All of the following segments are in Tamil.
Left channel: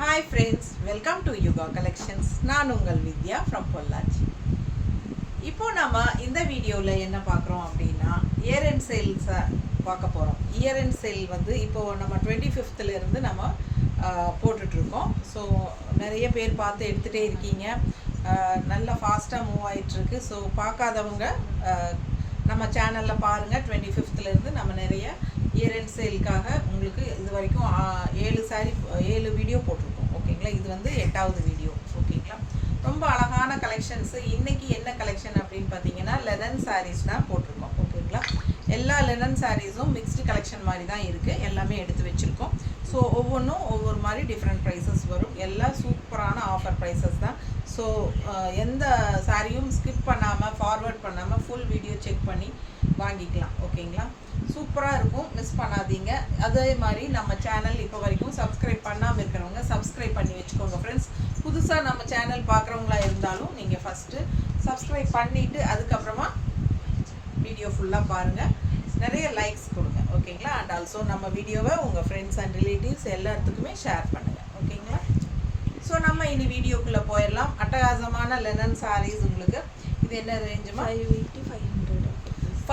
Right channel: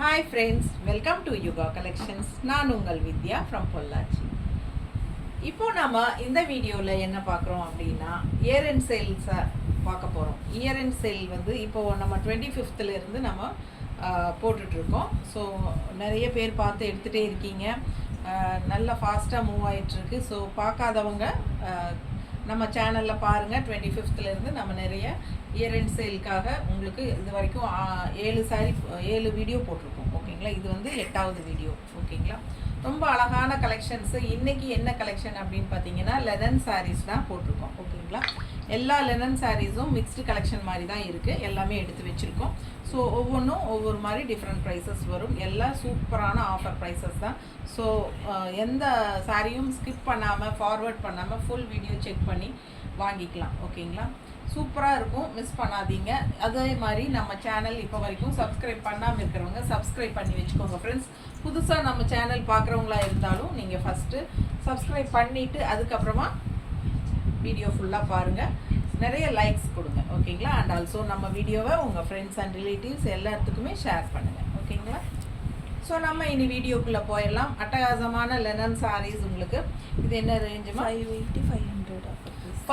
Hi friends, welcome to Yuga Collections. நான் உங்கள் வித்யா from பொள்ளாச்சி. இப்போ நாம இந்த வீடியோவில் என்ன பார்க்குறோம் அப்படின்னா இயர் அண்ட் சேல்ஸை பார்க்க போகிறோம். இயர் அண்ட் சேல் வந்து இப்போது நம்ம 25th இருந்து நம்ம போட்டுட்ருக்கோம். ஸோ நிறைய பேர் பார்த்து எடுத்துகிட்டே இருக்கீங்க. நல்லா ஃபாஸ்ட்டாக மூவ் ஆகிட்டுருக்கு. ஸோ பார்க்காதவங்க நம்ம சேனலில் பாருங்கள். 25th இருந்து நம்ம நிறைய இயர் அண்ட் சேலுக்காக உங்களுக்கு இது வரைக்கும் 7 வீடியோ போட்டிருக்கோம். ஓகேங்களா, இது வந்து 8வது வீடியோ. ஓகேங்களா, ரொம்ப அழகான கலெக்ஷன்ஸு. இன்றைக்கி என்ன கலெக்ஷன் அப்படின்னு பார்த்தீங்கன்னா லெனன் சாரீஸ் தான் போட்டிருக்கோம். ஓகேங்களா, எல்லா லெனன் சாரீஸும் மிக்ஸ்டு கலெக்ஷன் மாதிரி தான் இருக்குது. எல்லாமே எடுத்து வச்சுருக்கோம். ஸோ ஒவ்வொன்றும் ஒவ்வொரு மாதிரி டிஃப்ரெண்ட் ப்ரைஸஸ் வரும். எல்லாம் சூப்பரான ஆஃபர் ப்ரைஸஸ் தான். ஸோ எந்த சாரியும் ஸ்கிப் பண்ணாமல் ஃபார்வர்ட் பண்ணாமல் ஃபுல் வீடியோ செக் பண்ணி வாங்கிக்கலாம். ஓகேங்களா, சூப்பராக இருக்கும், மிஸ் பண்ணாதீங்க. அதே மாதிரி நம்ம சேனல் இப்போ வரைக்கும் சப்ஸ்கிரைப் பண்ணாமல் இருக்கிறவங்க சப்ஸ்கிரைப் பண்ணி வச்சுக்கோங்க ஃப்ரெண்ட்ஸ். புதுசாக நம்ம சேனல் பார்க்குறவங்களா இருந்தாலும் நீங்கள் ஃபஸ்ட்டு சப்ஸ்கிரைப் பண்ணிவிட்டு அதுக்கப்புறமா வீடியோ ஃபுல்லாக பாருங்கள், நிறைய லைக்ஸ் கொடுங்க. ஓகேங்களா, அண்ட் ஆல்சோ நம்ம வீடியோவை உங்கள் ஃப்ரெண்ட்ஸ் அண்ட் ரிலேட்டிவ்ஸ் எல்லாத்துக்குமே ஷேர் பண்ணுங்கள். ஓகேங்களா, ஸோ நம்ம இனி வீடியோக்குள்ளே போயிடலாம். அட்டகாசமான லெனன் சாரீஸ் உங்களுக்கு. இது என்ன ரேஞ்சுமா?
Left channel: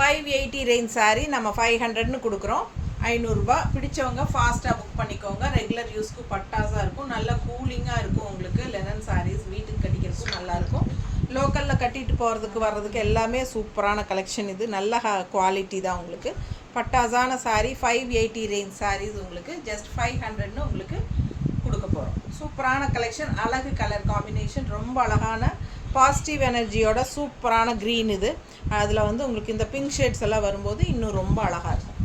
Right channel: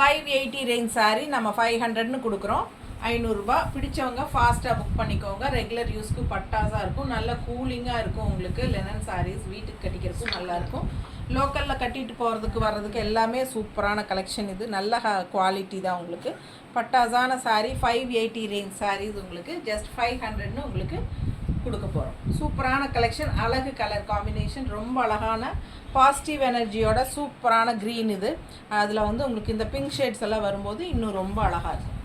580 ரேஞ்ச் சாரீ நம்ம 500ன்னு கொடுக்குறோம். 500 ரூபா. பிடிச்சவங்க ஃபாஸ்ட்டாக புக் பண்ணிக்கோங்க. ரெகுலர் யூஸ்க்கு பட்டாஸாக இருக்கும், நல்ல கூலிங்காக இருக்கும். உங்களுக்கு லெனன் சாரீஸ் வீட்டுக்கு கட்டிக்கிறதுக்கும் நல்லாயிருக்கும். லோக்கலில் கட்டிட்டு போகிறதுக்கு வர்றதுக்கு எல்லாமே சூப்பரான கலெக்ஷன். இது நல்ல குவாலிட்டி தான். உங்களுக்கு பட்டாஸான சாரீ 580 ரேஞ்ச் சாரீஸ் உங்களுக்கு ஜஸ்ட் 500ன்னு உங்களுக்கு கொடுக்க போகிறோம். சூப்பரான கலெக்ஷன், அழகு கலர் காம்பினேஷன், ரொம்ப அழகான பாசிட்டிவ் எனர்ஜியோட சூப்பரான க்ரீன். இது அதில் வந்து உங்களுக்கு இந்த பிங்க் ஷேட்ஸ் எல்லாம் வரும்போது இன்னும் ரொம்ப அழகாக இருக்கும்.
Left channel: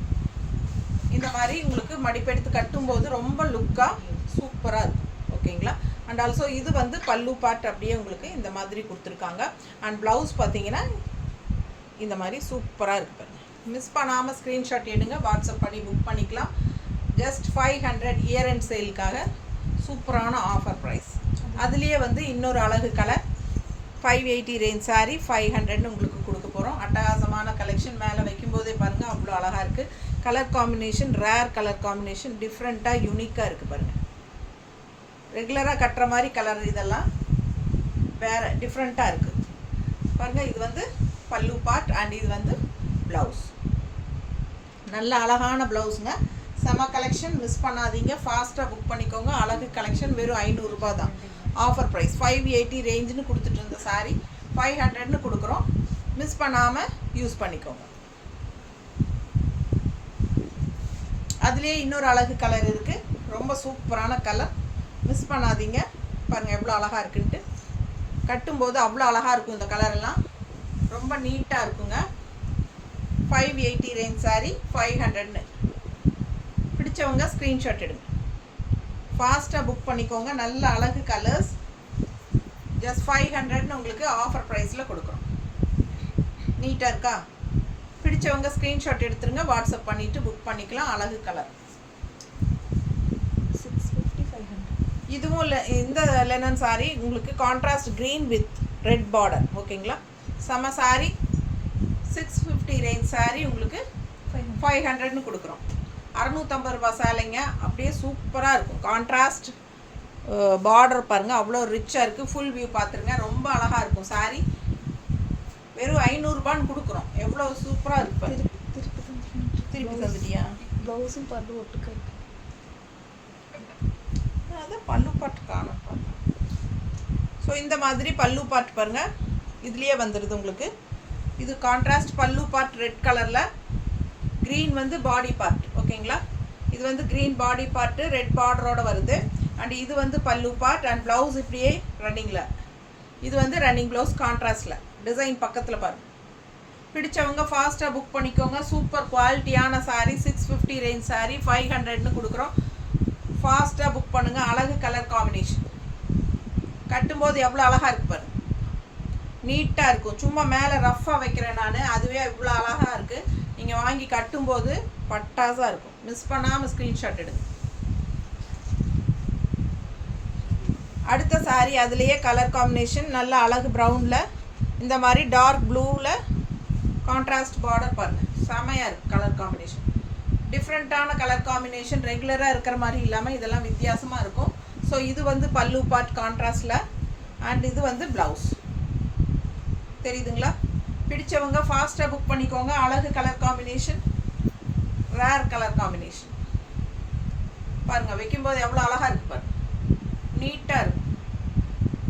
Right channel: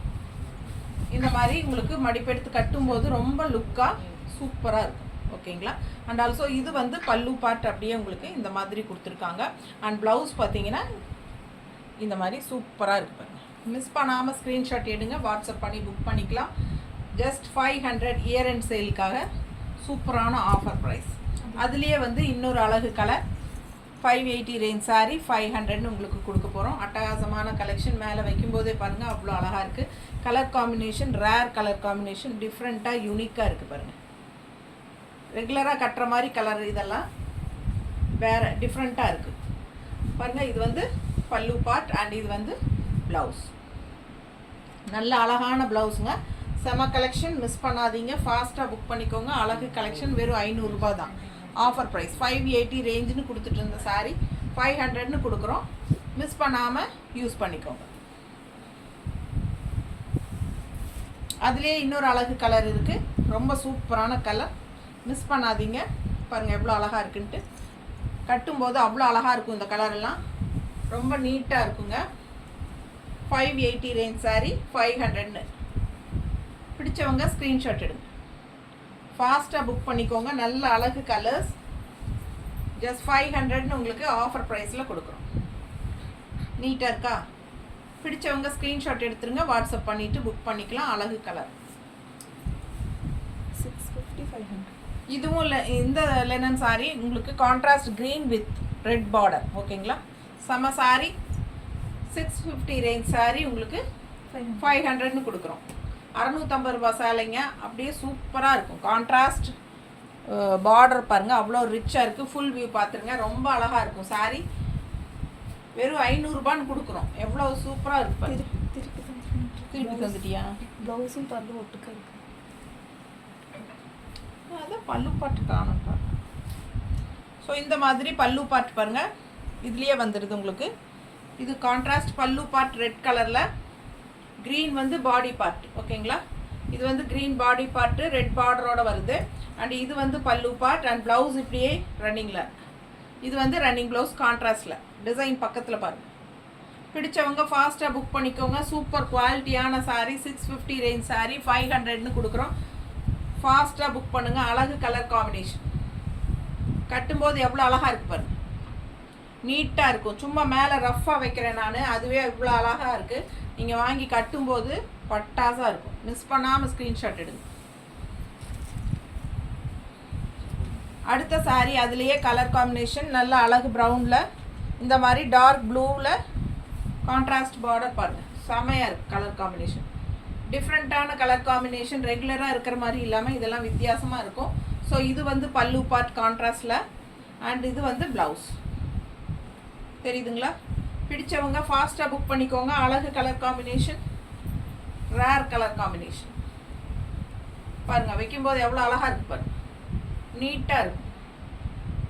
இந்த மாதிரி உங்களுக்கு மடிப்பெடுத்து கட்டும்போது ரொம்ப லுக்காக சூப்பராக இருக்கும். ஓகேங்களா, அண்ட் ஆல்சோ இது வந்து பல்லு பார்ட் அப்படியே உங்களுக்கு இந்த மாதிரி கொடுத்துருக்காங்க. அண்ட் ப்ளவுஸ் பார்த்தீங்கன்னா இந்த மாதிரி சூப்பராக இருக்கு பாருங்கள். மிஸ் பண்ணாமல் ஸ்க்ரீன்ஷாட் எடுங்க, வாட்ஸ்அப் பண்ணி புக் பண்ணிக்கலாம். ஜஸ்ட் 500 இயர் அண்ட் சேலுக்காக சூப்பரான ஆஃபர் ப்ரைஸ். அதுலேயே வந்து இன்னொரு அழகு கலர் 580 ரேஞ்ச் சாரீ 500ன்னு உங்களுக்கு கொடுக்க போகிறோம். அட்டகாசமான கலெக்ஷன். மேலே வைக்கும்போதே பாருங்கள் அவ்வளோ அழகாக இருக்குது. Colour combination rare colour combination, டிஃப்ரெண்ட்டாக யூனிக்காக இருக்குது பாருங்கள். ரெகுலராக கட்டுற மாதிரி கலர் இதெல்லாம் வேறு டிஃப்ரெண்ட்டாக இருக்குது பாருங்கள். இது வந்து பல்லு பார்ட் அண்ட் இது வந்து ப்ளவுஸ். நல்ல அழகான ப்ளவுஸுங்க, செம கலெக்ஷன். மிஸ் பண்ணாதீங்க, ஃபாஸ்ட்டாக புக் பண்ணிக்கோங்க. அழகு கலெக்ஷன் வெறும் 500 ரூபா தான் ஆஃபர் ப்ரைஸ். 580 ரேஞ்சுன்னு கொடுத்துட்டு இருந்த சாரீ 500ன்னு கொடுக்குறோம். மிஸ் பண்ணாமல் யூஸ் பண்ணிக்கோங்க. அதுலேயே இன்னொரு அழகு கலர் இருக்குது, ரொம்ப சூப்பரான கலர். மிஸ் பண்ணாதீங்க. பாருங்கள் எவ்வளோ அழகாக இருக்குன்ட்டு. கட்டும்போது அவ்வளோ அழகாக இருக்கும். இந்த கலரெல்லாம் ரொம்ப நீட்டாக இருக்குங்க. 580 ரேஞ்ச் சாரீ 500ன்னு பிடிச்சவங்க ஸ்க்ரீன்ஷாட் எடுங்க, ஃபாஸ்ட்டாக புக் பண்ணிக்கோங்க. நல்ல அழகு கலர்ஸ். ஜஸ்ட் 500ன்னு உங்களுக்கு ஆஃபர் ப்ரைஸில் கொடுக்குறோம். நீட்டாக இருக்கா? பிடிச்சவங்க ஸ்க்ரீன்ஷாட் எடுத்துருங்க, வாட்ஸ்அப் பண்ணிவிட்டு புக் பண்ணிக்கலாம். அழகு கலர் 650 500. இதுவும் இந்த லெனன் சாரீ உங்களுக்கு contrast green with red border. ஓகேங்களா, செம்ம சாரீ. 650 ரேஞ்ச் சாரீ உங்களுக்கு 500ன்னு கொடுக்குறோம். 650 ரூபா சேலைங்க, அப்படியே சூப்பராக இருக்கும். கான்ட்ராஸ்ட் பார்டர் பாருங்கள், அவ்வளோ ரிச்சாக இருக்குது. ஃபுல் வியூ பார்த்துருங்க, ரொம்ப அழகாக இருக்கும் சாரீ. வெறும் 500 ரூபான்னு கொடுக்குறோம். எவ்வளோ சூப்பராக இருக்கு பாருங்க. திருப்பி தந்துட்டியா? ப்ளவுஸும் பல்லு ஒட்டுக்க இருக்கு. அதான் பல்லு பாட்டு காணும் பார்த்தேன். ஸோ இந்த மாதிரி பல்லு பாட்டு பாருங்கள், இதுலேயே வந்துடுது உங்களுக்கு. இது கான்ட்ராஸ்ட் பல்லு பார்ட் ரெட் கலரில், க்ரீன் வந்து பாடி பார்ட். ஓகேங்களா, இது வந்து க்ரீன் பாடி பார்ட்டு ரெட் பார்டரோடு வருது. அண்ட் இது வந்து பல்லு பார்ட் அண்ட் ப்ளவுஸ் இப்படியே ரன்னிங்கில். இது வந்து ரன்னிங் ப்ளவுஸ் கான்ட்ராஸ்டில் டிசைன் பக்கத்தில் பாருங்கள். பிடிச்சவங்க ஃபாஸ்ட்டாக புக் பண்ணிக்கோங்க. சூப்பர் குவாலிட்டியான சாரீ 650 ரேஞ்ச் சாரீ 500ன்னு கொடுக்குறோம். ஃபாஸ்ட்டாக புக் பண்ணுங்கள். அழகு கலர் காம்பினேஷன். கட்டும்போது எவ்வளோ அழகாக இருக்குது பாருங்கள், நீட்டாக இருக்கும். சும்மா மேலே ரஃப்பாக வைக்கிறேன் நான், அதுவே இவ்வளோ அழகாக இருக்குது. நீங்கள் வாங்கி கட்டும்போது பட்டாஸாக இருக்கும். மிஸ் பண்ணாமல் ஸ்க்ரீன்ஷாட் எடுங்க. அடுத்த சாரீ அதுலேயே கலர் காம்பினேஷன் நல்ல அழகு ப்ரௌனில், இந்த மாதிரி டார்க் ப்ளூவில் கான்ட்ராஸ்ட் பார்டர் பாருங்கள், செமையாக இருக்குது கலர் காம்பினேஷன். டிஃப்ரெண்ட்டான கலர் காம்பினேஷன், ரெகுலராக இருக்கிற மாதிரி இல்லாமல் இதெல்லாம் வித்தியாசமாக இருக்கும். ஸோ இது வந்து பல்லு பார்ட் கான்ட்ராஸ்டில், அண்ட் இது வந்து ப்ளவுஸ். தெரியுதுங்களா? பிடிச்சவங்க ஃபாஸ்ட்டாக புக் பண்ணிக்கோங்க. அழகு colour combination, rare colour combination. பாருங்கள், வைக்கும்போது எவ்வளோ அழகாக இருக்குது பாருங்கள், நீட்டாக இருக்கும்,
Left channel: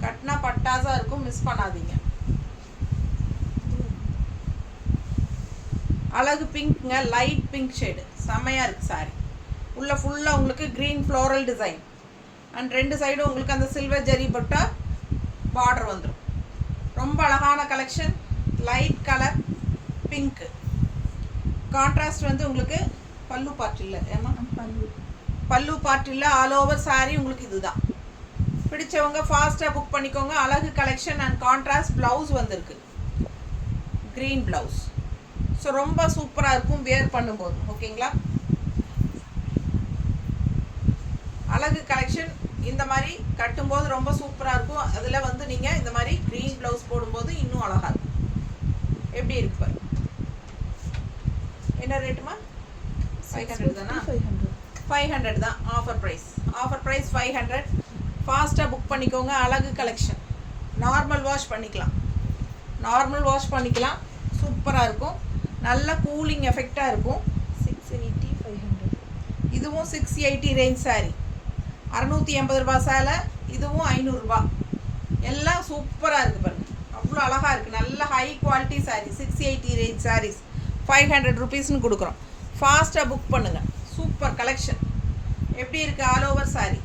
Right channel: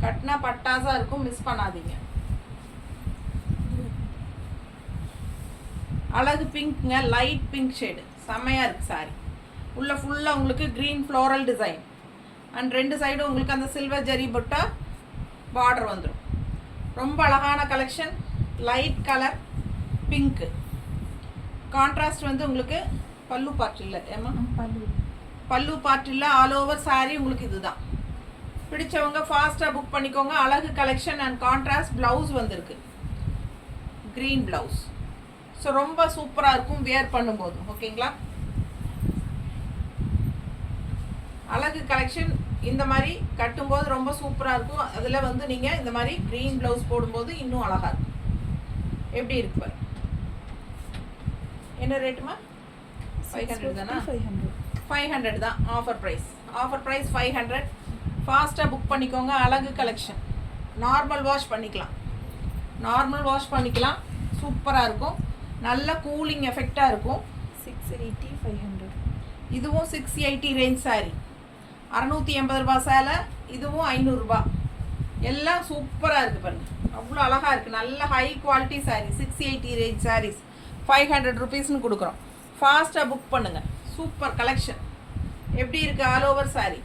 கட்டினா பட்டாசாக இருக்கும், மிஸ் பண்ணாதீங்க. அழகு பிங்க்ங்க, லைட் பிங்க் ஷேடு, செம்மையாக இருக்குது சாரி. உள்ள ஃபுல்லாக உங்களுக்கு க்ரீன் ஃப்ளோரல் டிசைன், அண்ட் ரெண்டு சைடும் உங்களுக்கு அந்த சில்வர் ஜெரி பட்டா பார்டர் வந்துடும். ரொம்ப அழகான collection, light colour pink. Contrast வந்து உங்களுக்கு பல்லு பார்ட் இல்லை ஏமா, பல்லு பார்ட் இல்லை, ஆல் ஓவர் சாரி உங்களுக்கு இதுதான். பிடிச்சவங்க ஃபாஸ்ட்டாக புக் பண்ணிக்கோங்க. அழகு கலெக்ஷன் அண்ட் கான்ட்ராஸ்ட் ப்ளவுஸ் வந்திருக்கு, க்ரீன் ப்ளவுஸ். ஸோ ரொம்ப சூப்பராக இருக்கும் வியர் பண்ணும்போது. ஓகேங்களா? அழகு கலெக்ஷன் இந்த மாதிரி கட்டும்போது ரொம்ப சூப்பராக இருக்கும். அதில் வந்து நீங்கள் இந்த மாதிரி க்ரீன் ப்ளவுஸ் போடும்போது இன்னும் அழகாக இருக்கும். எப்படி இருக்கு பாரு. என்ன ரேட்டுமா? 500 தானா? 500 தான் ஆஃபர் ப்ரைஸ். Offer price 500. ஃபாஸ்ட்டாக புக் பண்ணிக்கோங்க. அழகு கலெக்ஷன். நார்மல் வாஷ் பண்ணிக்கலாம், நார்மல் வாஷ் பண்ணிக்கலாம். சூப்பராக இருக்கும், நல்ல கூலிங் எஃபெக்டாக இருக்கும். 680 500. இதுவும் 680 ரேஞ்ச் சாரி. 680 ரூபா சேலை, இதுவும் 500 ரூபா. எல்லாம் சூப்பராக இருக்குது பாருங்கள், அவ்வளோ அழகாக இருக்குது. நல்ல high quality sari. 680 range saris 500 ருபீஸ்னு கொடுக்குறோம். ஃபாஸ்ட்டாக புக் பண்ணுங்கள். Super collection. எப்படி இருக்குது? ஆல் ஓவர் சாரீ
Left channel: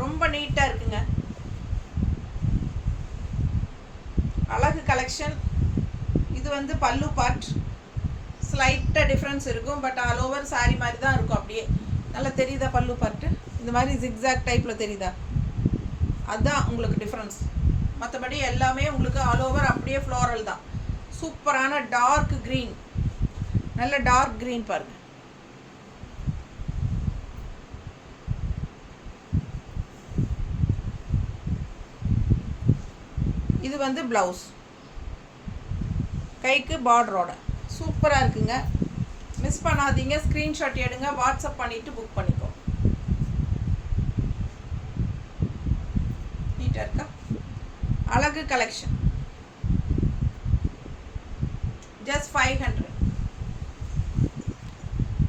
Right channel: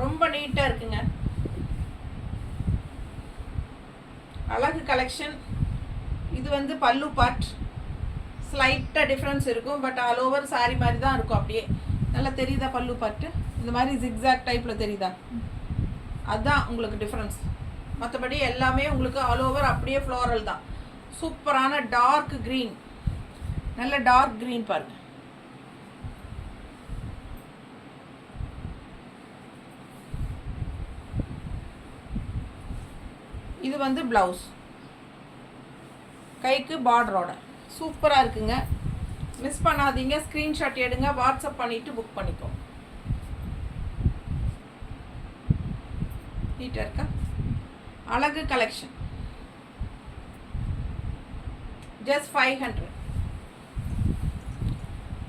ரொம்ப நீட்டாக இருக்குங்க. அழகு கலெக்ஷன். இது வந்து பல்லு பார்ட், ஸ்லைட்டாக டிஃப்ரென்ஸ் இருக்கும், பட் ஆல் ஓவர் சாரீ மாதிரி தான் இருக்கும். அப்படியே நல்லா தெரியுதா பல்லு பார்ட்டு? இந்த மாதிரி ஜிக்ஸாக் டைப்பில் தெரியுதா? அதுதான் உங்களுக்கு டிஃப்ரென்ஸ். மற்றபடி எல்லாமே உங்களுக்கு ஆல் ஓவர் அப்படியே ஃப்ளோரல் தான். சூப்பரான டார்க் க்ரீன், நல்ல டார்க் க்ரீன் பாருங்கள். இது வந்து ப்ளவுஸ், கைக்கு பார்டரோட சூப்பராக இருக்குங்க. மிஸ் பண்ணாதீங்க. ஸ்க்ரீன்ஷாட் எடுங்க, வாட்ஸ்அப் பண்ணிவிட்டு புக் பண்ணிக்கோ. நீட்டாக இருக்கா? அழகு கலெக்ஷன் ஜஸ்ட் 500.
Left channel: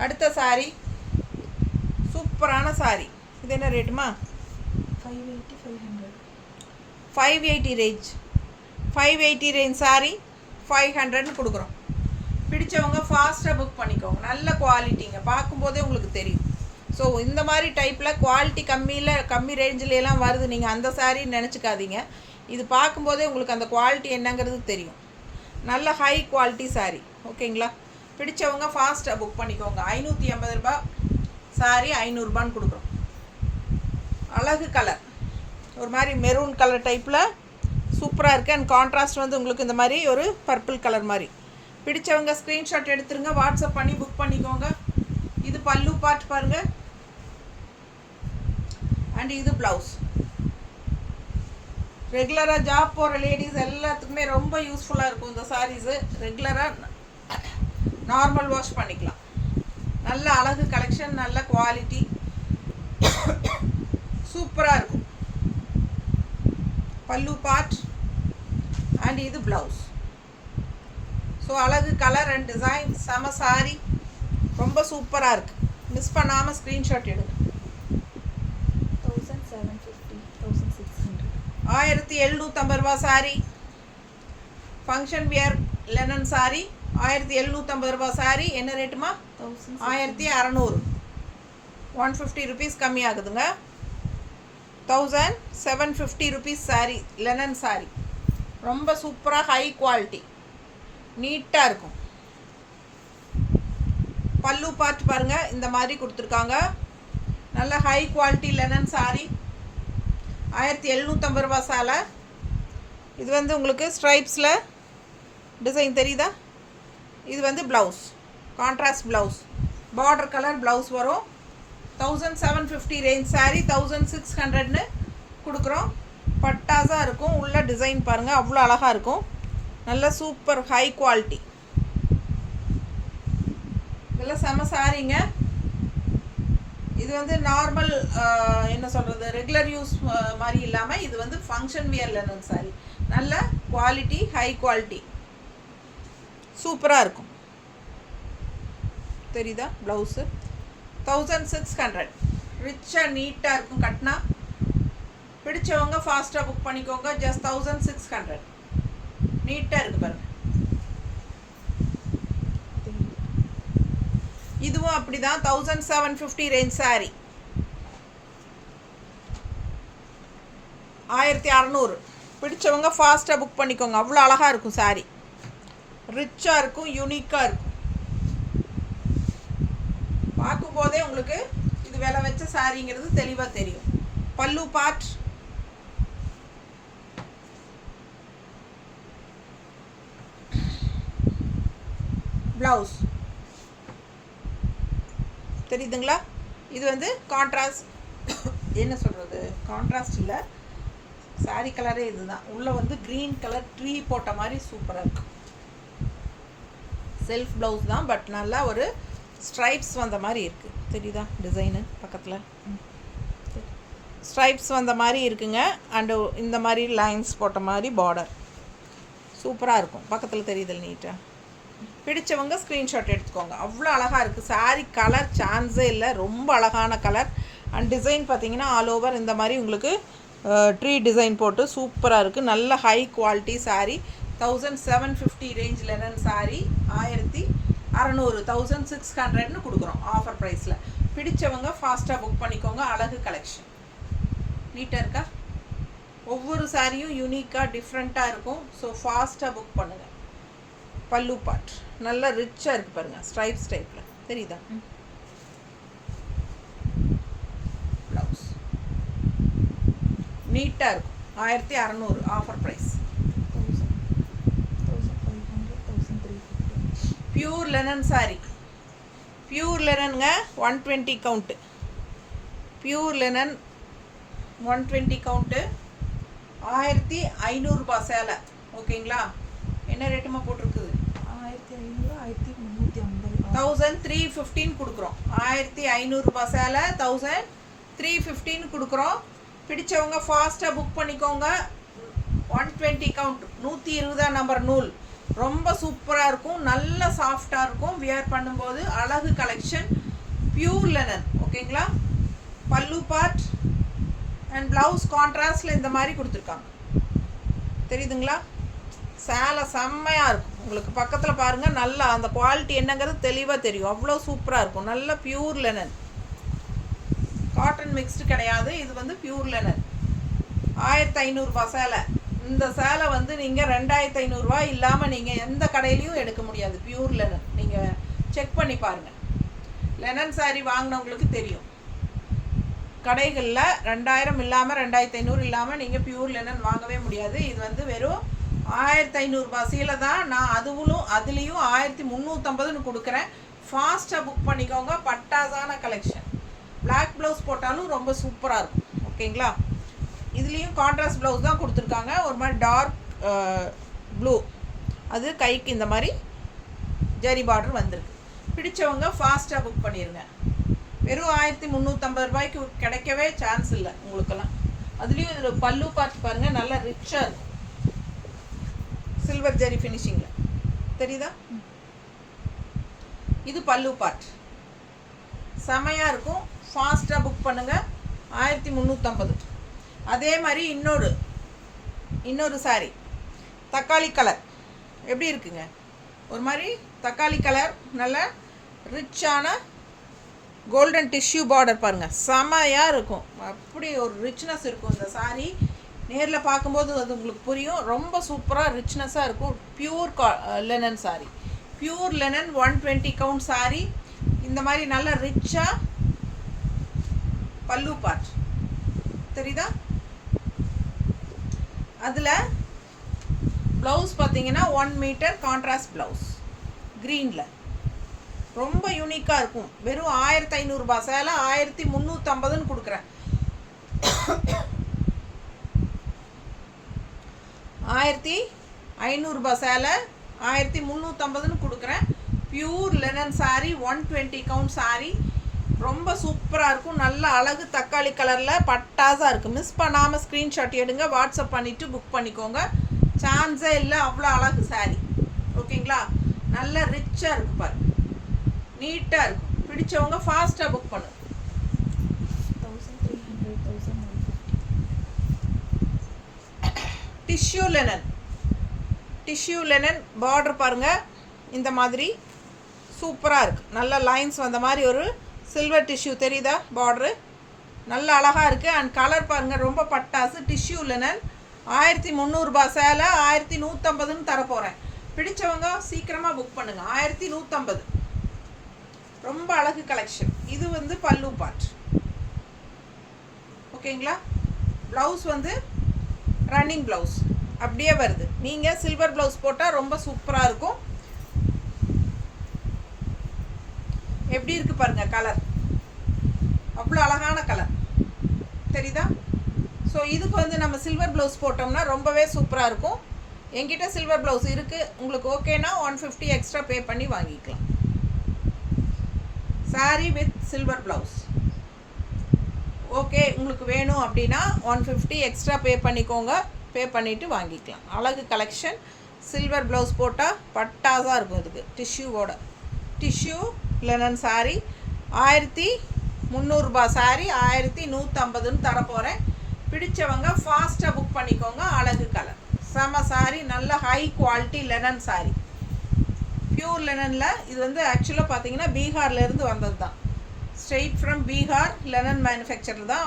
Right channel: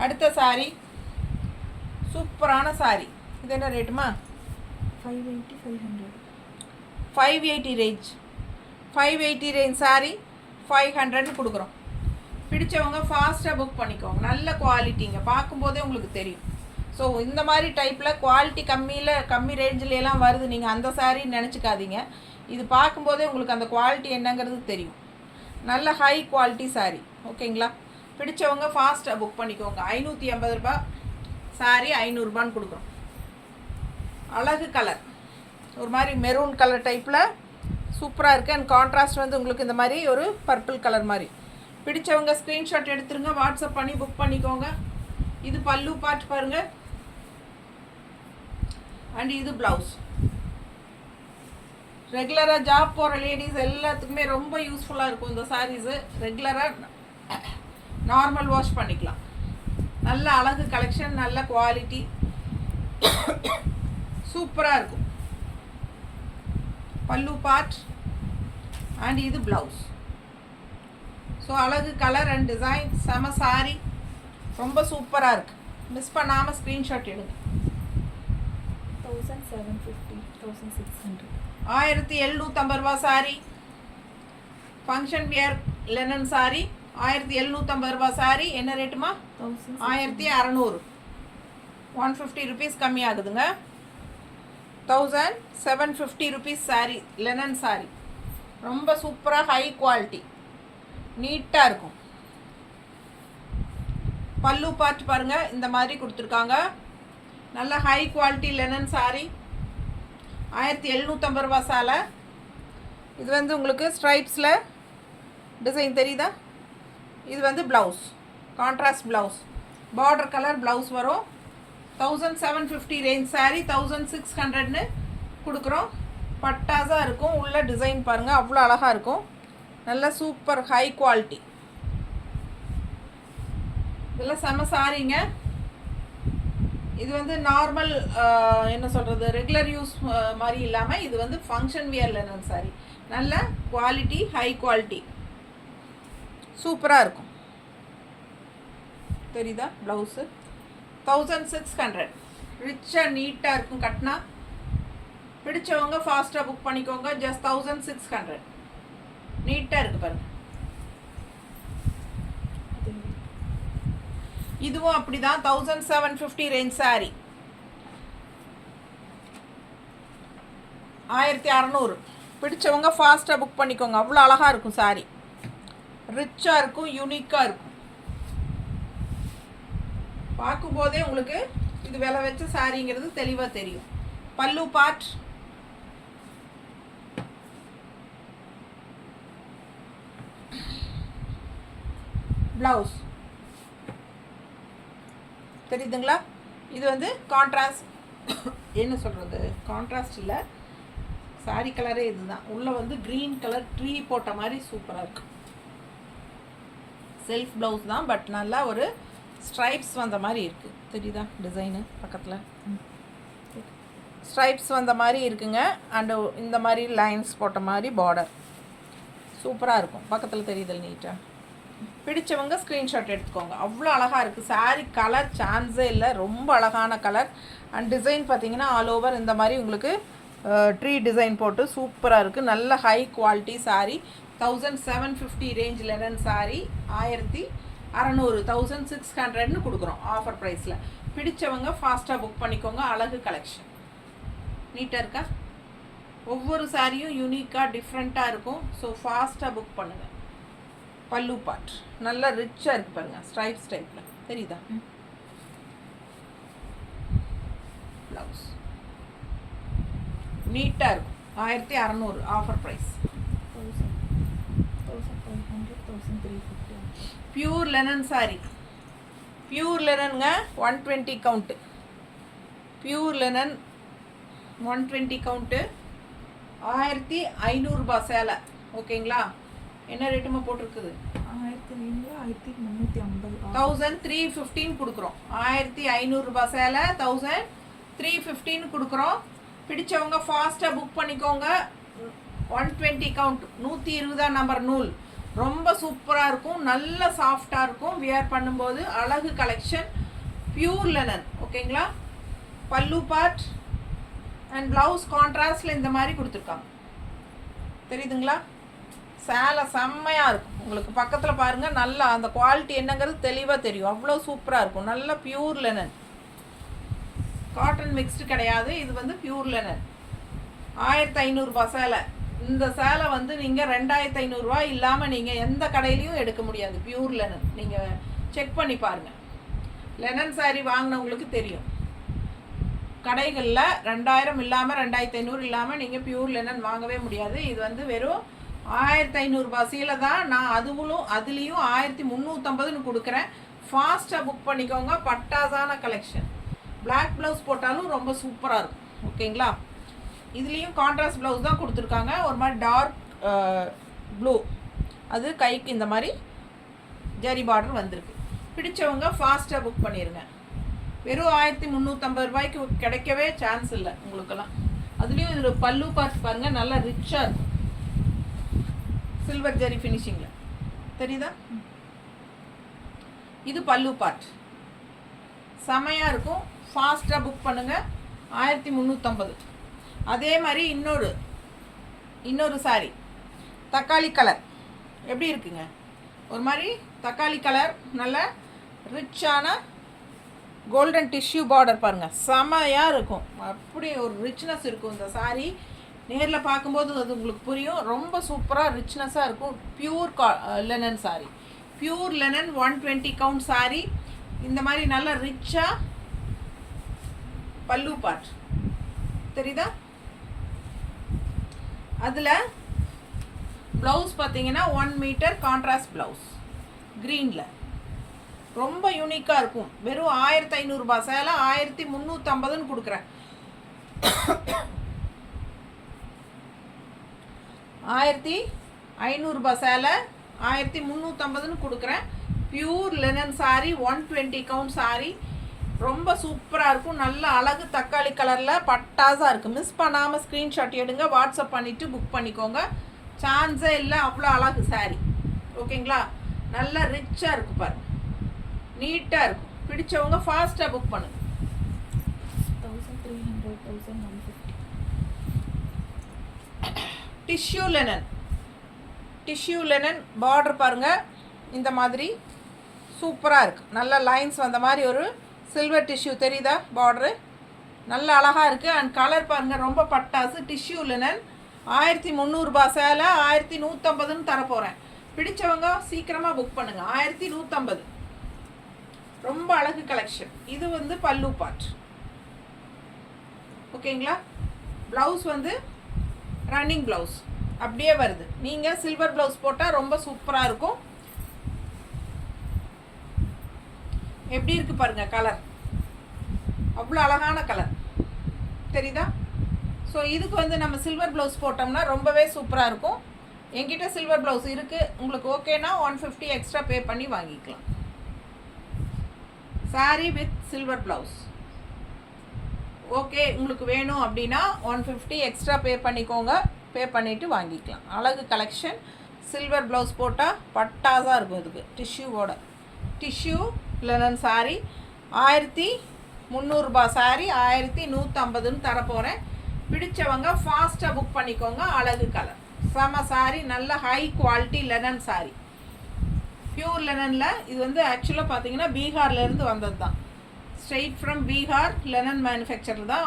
அடுத்த சாரி சூப்பரான சாரி. இது என்ன ரேட்டுமா? 580 500. 580 ரேஞ்ச். 580 ரேஞ்ச் சாரி 500ன்னு கொடுக்குறோம். பிடிச்சவங்க ஃபாஸ்ட்டாக புக் பண்ணிக்கோங்க. நல்ல குவாலிட்டிங்க, பார்க்கும்போதே உங்களுக்கு தெரியும். ஸோ இந்த மாதிரி டைப்பில் குவாலிட்டி கம்மி ரேஞ்சிலலாம் வருது, நீங்கள் அந்த சாரின்னு நினச்சிக்காதீங்க. இது பார்க்கும்போதே உங்களுக்கு அந்த குவாலிட்டி என்னங்கிறது தெரியும். நல்ல ஹை குவாலிட்டி சாரி. ஓகேங்களா? பிடிச்சவங்க ஃபாஸ்ட்டாக புக் பண்ணிக்கோங்க. 580 ரூபா சாரி 500 ரூபான்னு கொடுக்குறோம். அழகு கலர், ஒரு மாதிரி மெரூன் கலர் டைப்பில் சூப்பராக இருக்குது. அண்ட் கான்ட்ராஸ்ட் வந்து உங்களுக்கு இந்த மாதிரி ஒரு பர்பிள் கலர் மாதிரி. பிடிச்சவங்க ஸ்க்ரீன்ஷாட் எடுத்துருங்க, வாட்ஸ்அப் பண்ணி புக் பண்ணிக்கோங்க. இது பல்லு பார்ட் பாருங்கள், அண்ட் இது ப்ளவுஸ். ரெகுலராக ஜாப் போகிற லேடிஸ் எல்லாத்துக்குமே ரொம்ப யூஸ்ஃபுல்லாக இருக்கும் இந்த சாரீஸு. ரெகுலராக நார்மல் வாஷ் பண்ணிக்கலாம். நல்ல அழகு கலெக்ஷன், நல்ல குவாலிட்டி, சூப்பராக இருக்கும். பல்லு பார்ட் அண்ட் இது ப்ளவுஸ். ஸோ அழகு கலர் அண்ட் டிசைன், செம சாரி, ரொம்ப சூப்பராக இருக்குது. மிஸ் பண்ணாமல் ஸ்க்ரீன்ஷாட் எடுங்க. 1750 1600. 1750 ரூபா sorry. Function wear linen sorry 1750 ரூபா சாரி. என்ன ரேட்டுமா? 1600. 150 ருபீஸ் கம்மி ஆகுதுங்க. 1750 ருபீஸ் சாரி, லெனன் சாரி. ரொம்ப சூப்பராக ஹை குவாலிட்டி, நீட்டாக இருக்கும். பல்லு பார்ட் பாருங்கள், இந்த மாதிரி கொடுத்துருக்காங்க. நல்ல ஹை குவாலிட்டி லெனன் சாரி. 1750 ரூபா சாலை. இது வந்து உங்களுக்கு ஸ்ட்ரைப்ஸில் டிசைன் தெரியுதா? இது வந்து blouse, contrast blouse, border colour blouse வரும். 1750 ரேஞ்ச் சாரி 1600ன்னு கொடுக்குறோம். பட்டாஸாக இருக்கும். உள்ள டிசைன் பாருங்கள், அவ்வளோ அழகாக இருக்கும். நல்ல சூப்பர் ஹை குவாலிட்டி. இதெல்லாம் செம சாரிங்க. இது வந்து நார்மல் என்ன சொல்கிறது ரெகுலர் யூஸ் மாதிரி இல்லாமல் இது வந்து ஃபங்க்ஷன் வியர் லெனன் சாரி. நல்ல குவாலிட்டி, ஹை குவாலிட்டி, சூப்பராக இருக்கும். தெரியுதா ப்ளவுஸு? 1600. ரிச்சாக நீட்டாக இருக்கும். கட்டினா பிடிச்சவங்க ஃபாஸ்ட்டாக புக் பண்ணிக்கோங்க. ஜஸ்ட் 1600. நீட்டாக இருக்குது பாருங்கள். இதுவும் அப்படி தான் 1750 ரேஞ்ச் சாரி. 1600. பிடிச்சவங்க ஃபாஸ்ட்டாக புக் பண்ணிக்கோங்க. அவ்வளோ அழகாக இருக்கும் சாரி. ரிச்சாக இருக்கும், யூனிக்காக இருக்கும். பார்க்கும்போதே உங்களுக்கு இது விலை வச்ச சாரிங்கிறது தெளிவாக தெரியும். பல்லு பார்ட், ப்ளவுஸ் தெரியுதுங்களா? இது வந்து கான்ட்ராஸ்ட், என்ன சொல்கிறது, கான்ட்ராஸ்ட் இல்லை, சாரி கலரே இதுதான். உள்ளே வந்து க்ரீன் கலர் ட்ரீ போட்ட மாதிரி சூப்பராக இருக்குது. செல்ஃப் ப்ளவுஸ் தான், பட் நல்லா ஒரு ஸ்ட்ரைப்ஸ் வந்த மாதிரி இருக்குது. தெரியுதா டிசைனு? பக்கத்தில் ஸ்ட்ரைப்ஸ் வந்த மாதிரி இருக்குங்க. அண்டு இந்த மாதிரி லைன்ஸ் போட்ட மாதிரி பார்டர் சூப்பராக இருக்கும். பக்கத்தில் தெரியுதல் நீட்டாக. பிடிச்சவங்க ஸ்க்ரீன்ஷாட் எடுத்துக்கோங்க. அவ்வளோ அழகாக இருக்குது சாரி. கலர் சான்ஸே இல்லை, ரொம்ப அழகான கலர். அண்ட் டிசைன் பார்த்தீங்கன்னா ஆல் ஓவர் இந்த மாதிரி உங்களுக்கு ட்ரீ டிசைன் போட்டு சூப்பராக இருக்குது. நல்ல high quality sorry. 1750 range linen sorry. 1600, 1600ன்னு கொடுக்குறோம் ஆஃபர் ப்ரைஸில். பிடிச்சவங்க ஃபாஸ்ட்டாக புக் பண்ணிக்கோங்க. அழகு கலெக்ஷன். நீட்டாக இருக்கா? ஒவ்வொரு சாரியும் யூனிக்காக டிஃப்ரெண்ட்டாக இருக்கும். ஸோ ஃபாஸ்ட்டாக புக் பண்ணுங்கள். பல்லு பார்ட் நல்லா ரிச்சாக இருக்குது பாருங்கள், ஸ்ட்ரைப்ஸ் டைப்பில். தெரியுதா? ப்ளவுஸ் நீட்டாக இருக்கும். 1600 offer price. 1500, 1350. Pure linen sari. Pure லெனனுங்க. 120 கவுண்ட்டு. Pure linen 120 count. 1500 சேலை. ஓகேங்களா? என்ன ரேட்டுமா போட்டிருக்குது? 1500, 1350. 1315 கொடுக்குறோம். 1500 சேலை 1315 கொடுக்குறோம். பிடிச்சவங்க ஃபாஸ்ட்டாக புக் பண்ணிக்கோங்க. 120 கவுண்ட், 120 நம்பர் நூல். ரொம்ப சூப்பராக இருக்கும், நல்ல சாஃப்டாக இருக்கும். வியர் பண்ணும்போது அழகு கலெக்ஷன். Pure linen. ஓகேங்களா? பல்லு பார்ட் அண்ட் ப்ளவுஸ் கான்ட்ராஸ்டில் இந்த மாதிரி கொடுத்துருக்காங்க. தெரியுதுங்களா? சேலை செம்மையாக இருக்கும். உங்களுக்கு பக்கத்தில் பாருங்கள், நல்லா அந்த குவாலிட்டி என்னங்கிறது தெளிவாக தெரியும். அவ்வளோ சூப்பராக இருக்கும். நல்ல பியூர் லெனன், காட்டன் மிக்ஸ்டு கிடையாது. இது வந்து பியூர் லெனன். 1500 சேலை. இந்த சேலை வந்து நீங்கள் 2500 இல்லாமல் நீங்கள் எந்த கடையிலையும் எடுக்க முடியாது. Pure linen. நீங்கள் செக் பண்ணி பாருங்கள். லெனன் சாரீ வாங்கினவங்களுக்கு தெரியும். கடைகளில் 2000 இல்லாமல் 2500 இல்லாமல் நீங்கள் பியூர் லெனன் வாங்கவே முடியாது. இது வந்து வெறும் 1500 சீலை தான். நான் அதுலேயும் 1350ன்னு கொடுக்குறேன். ஃபாஸ்ட்டாக புக் பண்ணிக்கோங்க. பட்டாசான கலெக்ஷன். பிளாக் ப்ளவுஸ் போட்டாலும் ரொம்ப சூப்பராக இருக்கும். ஓகேங்களா? இதுலேயும் கான்ட்ராஸ்ட் ப்ளவுஸ் தான் கொடுத்துருக்காங்க. ஒரு மாதிரி டார்க் ப்ளூ. அது கைக்கு இந்த மாதிரி ஜரி பார்டர் வந்திருக்கு. பிடிச்சவங்க ஃபாஸ்ட்டாக புக் பண்ணிடுங்க. வெறும் 1350 கிடைக்கவே சான்ஸ் இல்லை உங்களுக்கெல்லாம். அதுலேயும் இதில் பல்லு பார்ட் பாருங்கள், நல்லா ரிச்சாக இருக்கும். சில்வர் ஜெரி ஃபினிஷிங்கில். தெரியுதா? இது பல்லு பார்ட். செமையாக இருக்கும். ஃபாஸ்ட்டாக புக் பண்ணுங்கள். 1350. அதே மாதிரி இன்னொரு சாரி தக்காளி கலர். எப்படி இருக்குங்க? ஒரு மாதிரி தக்காளி கலர், நல்ல ரிச்சான கோல்டன் டிஷ்யூ பார்டர் பாருங்கள், செமையாக இருக்கும். அப்படி ஒரு ரிச்னஸ் இருக்கும் இந்த சாரீ. நேரில் பார்க்கும்போது அது உங்களுக்கு புரியும். ரொம்ப சூப்பராக ரிச்னஸாக இருக்கும். Pure linen sari. Pure linen 120 count sari. இந்த மாதிரி நல்ல ரிச்சாக பல்லு பார்ட். தெரியுதா? அதில் ப்ளவுஸ் பார்த்தீங்கன்னா 1 மீட்டர் கான்ட்ராஸ்ட் ப்ளவுஸ் க்ரீனில். ரொம்ப யூனிக்காக இருக்கும். வெறும் 1500 சேலை 1350ன்னு கொடுக்குறேன். 1500 சேலை 1350ன்னு கொடுக்குறேன். Pure linen sari, 120 count sari. ரொம்ப சூப்பராக இருக்கும். நல்ல அழகு தக்காளி கலரில் பட்டாஸாக இருக்குது. மிஸ் பண்ணாமல் ஸ்க்ரீன்ஷாட் எடுங்க, வாட்ஸ்அப் பண்ணிவிட்டு புக் பண்ணிக்கோங்க. சான்ஸே இல்லை, அவ்வளோ அழகு சாரீ. ஓகேங்களா? நல்லா ரிச்சாக இருக்குது பாருங்கள், நீட்டாக இருக்கும். பிடிச்சவங்க ஃபாஸ்ட்டாக புக் பண்ணுங்க. 1300 1150. டிஷ்யூ லெனன் பார்டர் பாருங்கள், இந்த மாதிரி சூப்பராக இருக்குது. நல்ல லைன்ஸ் வந்த மாதிரி ஒரு சில்வர் டிஷ்யூ தெரியுதா பார்டரு, நல்ல அழகாக இருக்குது. அண்ட் கலர் பாருங்கள், ரொம்ப பட்டாசு. டிஷ்யூ லெனன் 1300 சேலை 1150ன்னு தரப்போகிறேன். பிடிச்சவங்க சீக்கிரமாக புக் பண்ணுங்கள். 1150, ரொம்ப அழகு கலெக்ஷன். இது வந்து பல்லு பார்ட். ஓகேங்களா? ப்ளவுஸ் வந்து ரன்னிங் ப்ளவுஸ் அப்படியே வருது. நீங்கள் சில்வர் ப்ளவுஸ் போட்டால் ரொம்ப சூப்பராக இருக்கும். எப்படி இருக்குது பாருங்கள் கலர், அவ்வளோ அழகான கலர் தெரியுதா? ஸோ இதுக்கு வந்து நம்ம சில்வர் ப்ளவுஸ் போட்டோம்னா ரொம்பவே சூப்பராக இருக்கும். என்கிட்ட சில்வர் ப்ளவுஸ் இருக்குது. உங்களுக்கு ஓகேனா 150 எக்ஸ்ட்ரா பே பண்ணி வாங்கிக்கலாம். Sari with silver blouse okay உங்களுக்கு வேணும் அப்படின்னா 150 எக்ஸ்ட்ரா பே பண்ணிக்கோங்க. பே பண்ணிவிட்டு வாங்கிக்கலாம். அழகு கலெக்ஷன். சில்வர் ப்ளவுஸ் போட்டால் பட்டாஸாக இருக்கும். இதுக்கு டிஷ்யூ லெனன் சாரீ 1300 சாரீ 1150ன்னு தரப்போகிறேன். பிடிச்சவங்க ஃபாஸ்ட்டாக புக் பண்ணிக்கோங்க. அழகு கலர், செம சாரீ, நல்ல high quality linen sari, pure லெனனில். இது வந்து ஆக்சுவலாக பார்த்தீங்கன்னா பீகார்லேருந்து வந்தது தான். Straight from Bihar linen manufacture தான்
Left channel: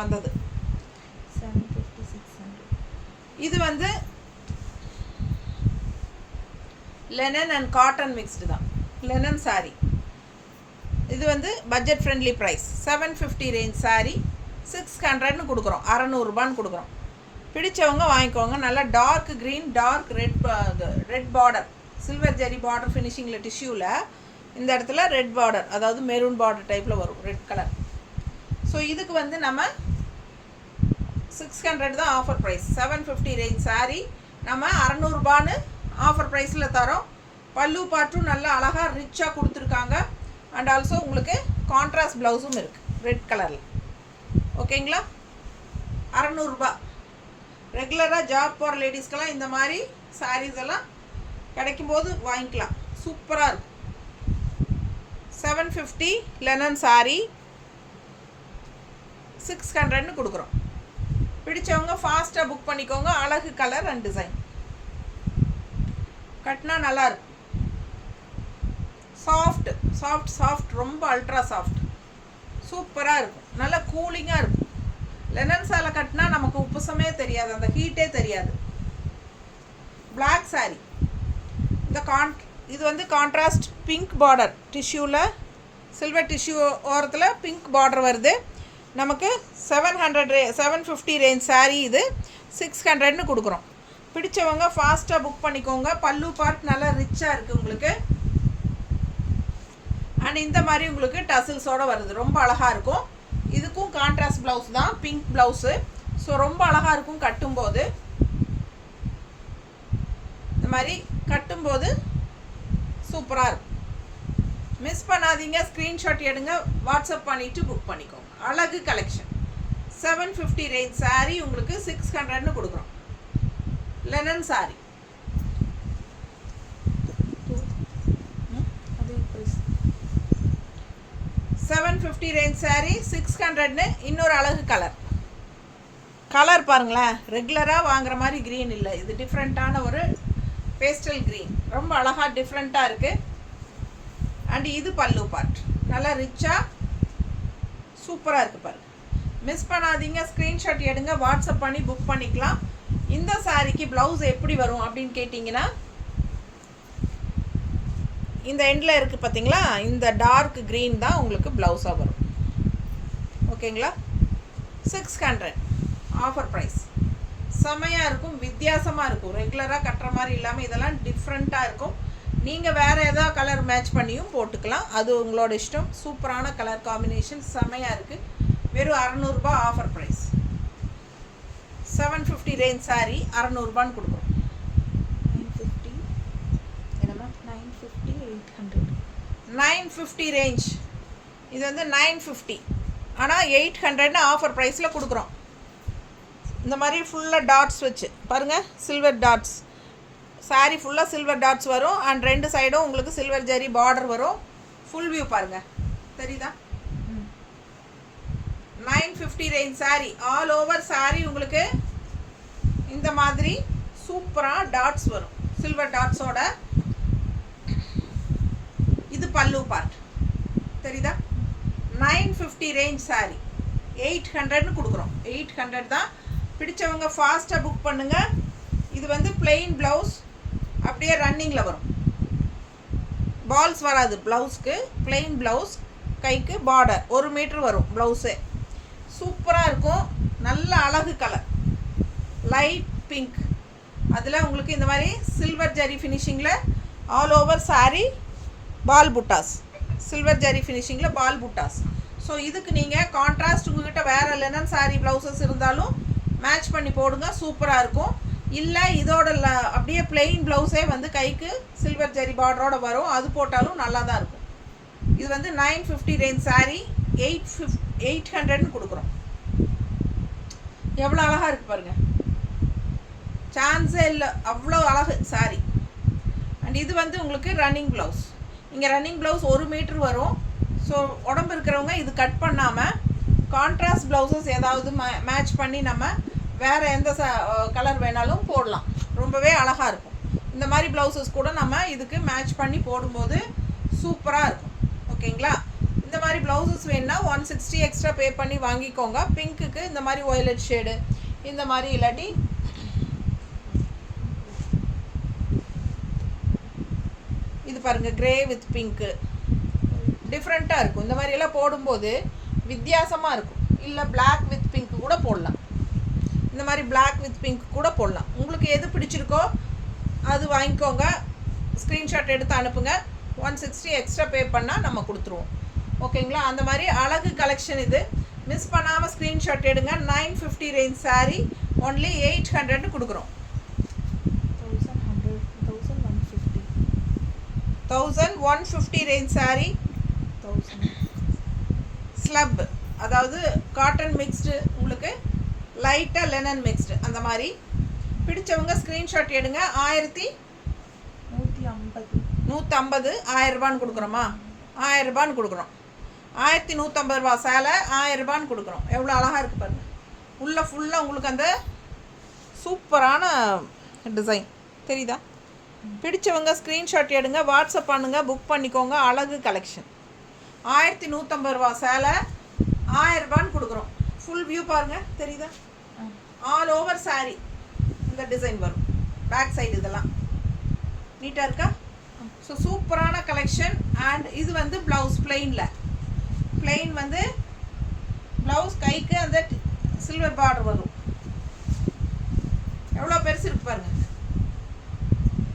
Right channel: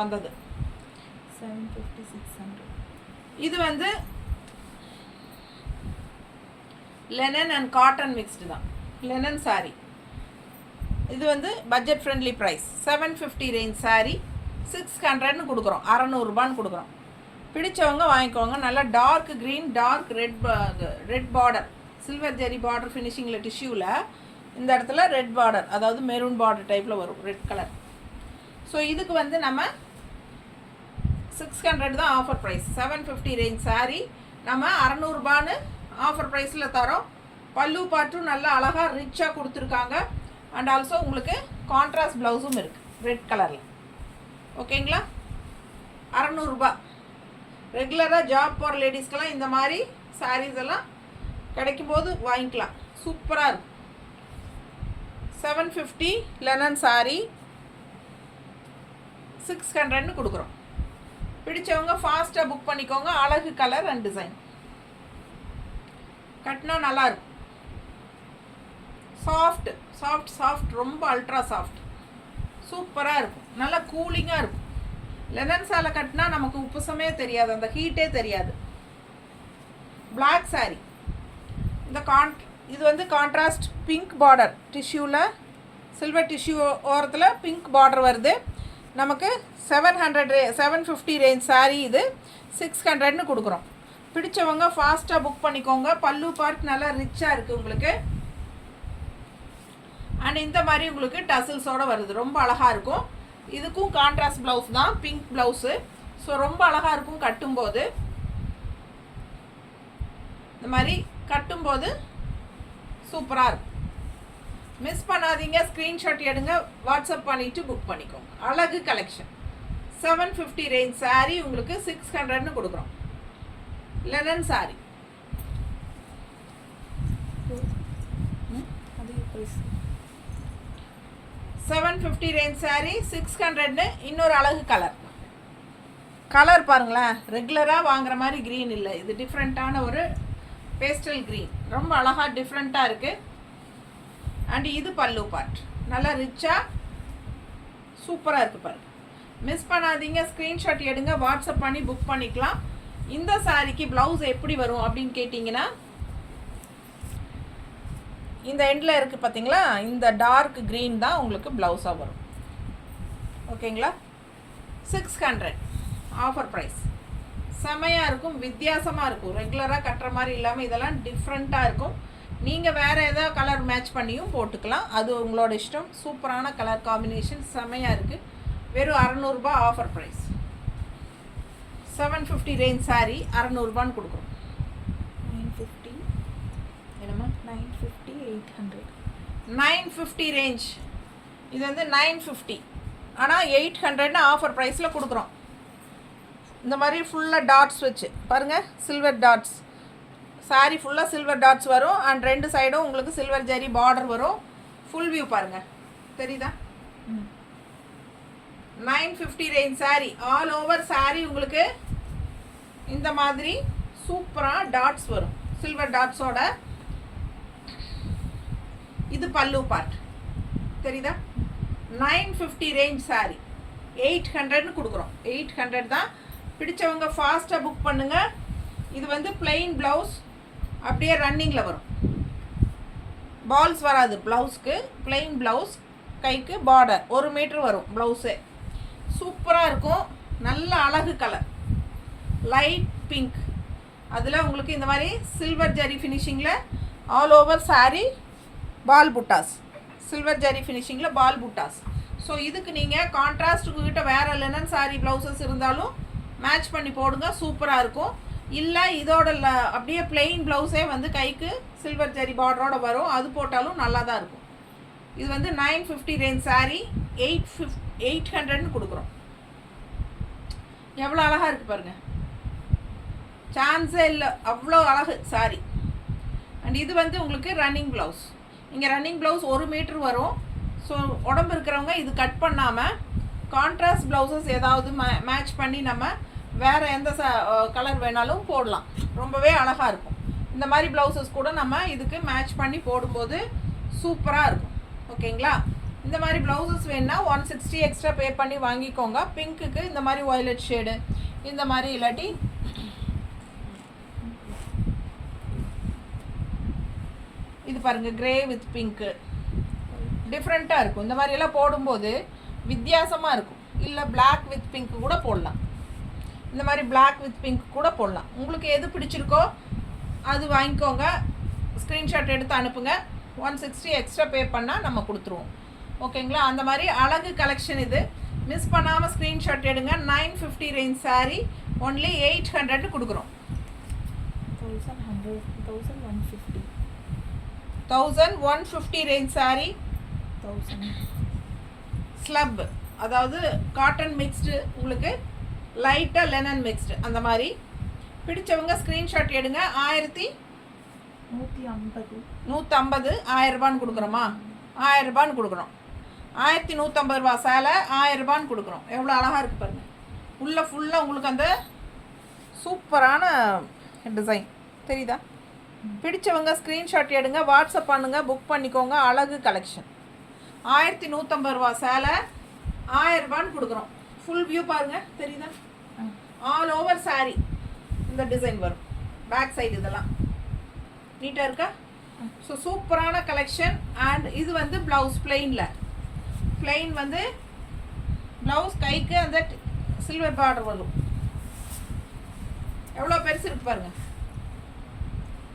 வந்தது. 750 600. இது வந்து லெனன் அண்ட் காட்டன் மிக்ஸ்டு தான். லெனன் சாரீ இது வந்து budget friendly price. 750 range sari 600ன்னு கொடுக்குறோம். 600 ரூபான்னு கொடுக்குறோம். பிடிச்சவங்க வாங்கிக்கோங்க. நல்லா dark green, dark red border, silver zari border ஃபினிஷிங்கில் டிஷ்யூவில் இந்த இடத்துல ரெட் பார்டர், அதாவது மெரூன் பார்டர் டைப்பில் வரும், ரெட் கலர். ஸோ இதுக்கு வந்து நம்ம 600 தான் ஆஃபர் ப்ரைஸ். 750 ரேஞ்ச் சாரீ நம்ம 600 ரூபான்னு ஆஃபர் ப்ரைஸில் தரோம். பல்லு பாட்டும் நல்லா அழகாக ரிச்சாக கொடுத்துருக்காங்க. அண்ட் ஆல்சோ உங்களுக்கு கான்ட்ராஸ்ட் ப்ளவுஸும் இருக்குது ரெட் கலரில். ஓகேங்களா? 600 ரூபா. ரெகுலராக ஜாப் போகிற லேடிஸ்க்கெல்லாம் இந்த மாதிரி சாரீஸ் எல்லாம் கிடைக்கும்போது வாங்கிக்கலாம். சூப்பராக இருக்கும். 750 லெனன் சாரீ 600ன்னு கொடுக்குறோம். பிடிச்சவங்க ஃபாஸ்ட்டாக புக் பண்ணிக்கோங்க. அழகு கலர் அண்ட் டிசைன். கட்டினா நல்லாயிருக்கும். சாஃப்ட் சாஃப்ட் சாஃப்ட், ரொம்ப அல்ட்ரா சாஃப்ட், சூப்பராக இருக்கும். நல்லா கூலிங்காக இருக்கும். லெனன் சேலை கட்டினா நமக்கு உப்புசமே தெரியாது, அந்த ஹீட்டே தெரியாது. பிளாக் சாரீ. இது வந்து கான்ட்ராஸ்ட் பிங்க் பார்டர் டிஷ்யூவில், சில்வர் டிஷ்யூ ஓரத்தில் பிங்க் பார்டர் வருது. நமக்கு 750 ரேஞ்ச் சாரீ இது 600ன்னு கொடுக்குறோம். பிடிச்சவங்க ஃபாஸ்ட்டாக புக் பண்ணிக்கோங்க. பல்லு பார்ட் நல்லா ரிச்சாக இருக்குது உங்களுக்கு. அண்ட் இந்த மாதிரி உங்களுக்கு டசில்ஸோடு வருது, ரொம்ப அழகாக இருக்கும். இதுக்கும் கான்ட்ராஸ்ட் ப்ளவுஸ் தான், பிங்க் ப்ளவுஸு. ஸோ ரொம்ப அழகாக இருக்கும் கட்டும்போது. இந்த மாதிரி கட்டும்போது சூப்பராக இருக்கும். மிஸ் பண்ணாதீங்க. ஸ்க்ரீன்ஷாட் எடுங்க, வாட்ஸ்அப் பண்ணிவிட்டு புக் பண்ணிக்கோங்க. அழகு கலெக்ஷன். 750 ரேஞ்ச் சாரீ உங்களுக்கு 600ன்னு கொடுக்குறோம். லெனன் சாரீ அதே ப்ரைஸ். 750 ரேஞ்ச் சாரீ 600ன்னு. இன்னொரு அழகு கலர் பாருங்களேன். ரெகுலராக வாங்குற மாதிரி க்ரீன் இல்லை, இது டிஃப்ரெண்ட்டான ஒரு பேஸ்டல் க்ரீன். ரொம்ப அழகாக டிஃப்ரெண்ட்டாக இருக்குது. அண்ட் இது பல்லு பார்ட் நல்லா ரிச்சாக சூப்பராக இருக்குது பாருங்கள். மிஸ் பண்ணாதீங்க. ஸ்க்ரீன்ஷாட் எடுங்க, வாட்ஸ்அப் பண்ணி புக் பண்ணிக்கலாம். இந்த சாரீக்கு ப்ளவுஸ் எப்படி வரும் அப்படின்னு கேட்டிங்கன்னா, இந்த எண்டில் இருக்குது பார்த்தீங்களா, இந்த டார்க் க்ரீன் தான் உங்களுக்கு ப்ளவுஸாக வரும். ஓகேங்களா? 600 ஆஃபர் ப்ரைஸ். செமையாக இருக்கும், வித்தியாசமாக இருக்கும். ரெகுலராக கட்டுற மாதிரி இல்லாமல் இதெல்லாம் டிஃப்ரெண்ட்டாக இருக்கும். நீங்கள் வேறு எதாவது கலர் மேட்ச் பண்ணியும் போட்டுக்கலாம், அது உங்களோட இஷ்டம். சூப்பரான கலர் காம்பினேஷன், செமையாக இருக்குது. வெறும் 600 ரூபா ஆஃபர் ப்ரைஸ். 750 ரேஞ்ச் சாரீ 600 ரூபான்னு கொடுக்குறோம். 950. என்னம்மா? 950 800. 950 ரேஞ்ச் இது வந்து 950. ஆனால் 800 ஆஃபர் ப்ரைஸில் கொடுக்குறோம். இந்த மாதிரி ஃபுல்லாக டாட்ஸ் வச்சு பாருங்கள், சில்வர் டாட்ஸ். சாரீ ஃபுல்லாக சில்வர் டாட்ஸ் வரும். அண்ட் 2 சைடும் உங்களுக்கு சில்வர் ஜரி பார்டர் வரும். ஃபுல் வியூ பாருங்கள், தெரியுதா? 950 range sari. All over sari உங்களுக்கு இந்த மாதிரி சூப்பராக டாட்ஸ் வரும், சில்வர் டாட்ஸோட. இது பல்லு பார்ட், தெரியுதா? 950 ரேஞ்ச் சாரீ 800ன்னு கொடுக்குறோம். 800 தான். பிடிச்சவங்க ஃபாஸ்ட்டாக புக் பண்ணுங்கள். இது வந்து பிளெயின் ப்ளவுஸ், அப்படியே ரன்னிங்கில் வரும். பால்ஸ் வராது ப்ளவுஸ்க்கு. பிளெயின் ப்ளவுஸ், கைக்கு பார்டர் 1 மீட்டர் வரும் ப்ளவுஸு. சூப்பராக இருக்கும். நல்ல அழகு கலர், லைட் பிங்க். அதில் உங்களுக்கு இந்த மாதிரி சில்வர் ஜரி ஃபினிஷிங்கில் all over sari ball buttas, silver zari ஃபினிஷிங்கில் பால் புட்டாஸ். ஸோ இதுக்கு நீங்கள் கான்ட்ராஸ்ட் உங்கள்கிட்ட வேறு லெனன் சாரீ ப்ளவுசஸ் இருந்தாலும் மேட்ச் பண்ணி போடுங்க, சூப்பராக இருக்கும். இல்லை இதோட அப்படியே பிளெயின் ப்ளவுஸே வந்து கைக்கு சில்வர் ஜரி பார்டரோட வரும், அது போட்டாலும் நல்லா தான் இருக்கும். இது வந்து 950 ரேஞ்ச் சாரீ 800ன்னு கொடுக்குறோம். எவ்வளோ அழகாக இருக்குது பாருங்கள், சான்ஸே இல்லை, அவ்வளோ அழகு சாரீ. அண்ட் இது வந்து உங்களுக்கு ரன்னிங் ப்ளவுஸ். இங்கே ரன்னிங் ப்ளவுஸ் 1 மீட்டர் வரும். ஸோ உடம்பு இருக்கிறவங்க இது கட் பண்ணாமல் கான்ட்ராஸ்ட் ப்ளவுசஸ் ஏதாவது மேட்ச் பண்ணி நம்ம வேறு எந்த கலர் வேணாலும் போடலாம். ரொம்பவே அழகாக இருக்கும். இந்த மாதிரி ப்ளவுசஸ் கூட நம்ம இதுக்கு மேட்ச் பண்ணி போடும்போது சூப்பராக இருக்கும். ஓகேங்களா? இந்த மாதிரி ப்ளவுசஸ் வேணுன்னா 160 எக்ஸ்ட்ரா பே பண்ணி வாங்கிக்கோங்க. பிங்க்குக்கு இந்த மாதிரி வயலட் ஷேடு, இந்த மாதிரி இல்லாட்டி இது பாருங்கள், கிரே வித் பிங்க்கு டிஃப்ரெண்ட்டாக இருக்கும். இந்த மாதிரியெல்லாம் போடும்போது வித்தியாசமாக இருக்கும். இல்லை பிளாக் வித் பிங்க் கூட போடலாம். இந்த மாதிரி பிளாக் வித் பிங்க் கூட போடலாம். உங்களுக்கு எது பிடிச்சிருக்கோ அது வாங்கிக்கோங்க. ஸ்க்ரீன்ஷாட் எடுத்து அனுப்புங்க. 160 எக்ஸ்ட்ரா பே பண்ணால் நம்ம கொடுத்துருவோம். ஓகேங்களா? அந்த மாதிரி அழகு கலெக்ஷன் இது. மிஸ் பண்ணாமல் ஸ்க்ரீன்ஷாட் எடுங்க. 950 ரேஞ்ச் சாரீ ஒன்லி 800ன்னு கொடுக்குறோம். 1150 ரேஞ்ச் சாரீ. 1000 ஸ்லப், அதாவது காட்டன் மிக்ஸ்டு, உங்களுக்கு லைட்டாக லெனன் மிக்ஸ்டு. அந்த மாதிரி பிடிச்சவங்க ஸ்க்ரீன்ஷாட் எடுங்க. 1150 1000 ரூபான்னு கொடுக்குறோமா? 1000 ரூபான்னு கொடுக்குறோம். 1150 ரூபா சேலை 1000 ரூபான்னு கொடுக்குறோம். எவ்வளோ அழகாக இருக்குது பாருங்கள். உள்ளே ஃபுல்லாக உங்களுக்கு அந்த சூப்பரான டிசைன் தெரியுதா? பிடிச்சவங்க ஸ்க்ரீன்ஷாட் எடுங்க, வாட்ஸ்அப் பண்ணுங்கள், புக் பண்ணிக்கோங்க. அழகு கலெக்ஷன். 1150 ரூபா சேலை 1000 ரூபான்னு கொடுக்குறோம். ஃபுல் வியூ பாருங்கள், தெரியுதா? ஆல் ஓவர் சாரீ இந்த டிசைன் வரும். பேக் சைடு இதெல்லாம் நீட்டாக இருக்கா? ஸோ சூப்பரான கலெக்ஷன். அண்ட் இது வந்து ப்ளவுஸ் பிளெயின் வந்து ப்ளவுஸ், கைக்கு அந்த சில்வர் பார்டர் வரும். எவ்வளோ பெருசு இருக்கு பாருங்கள்.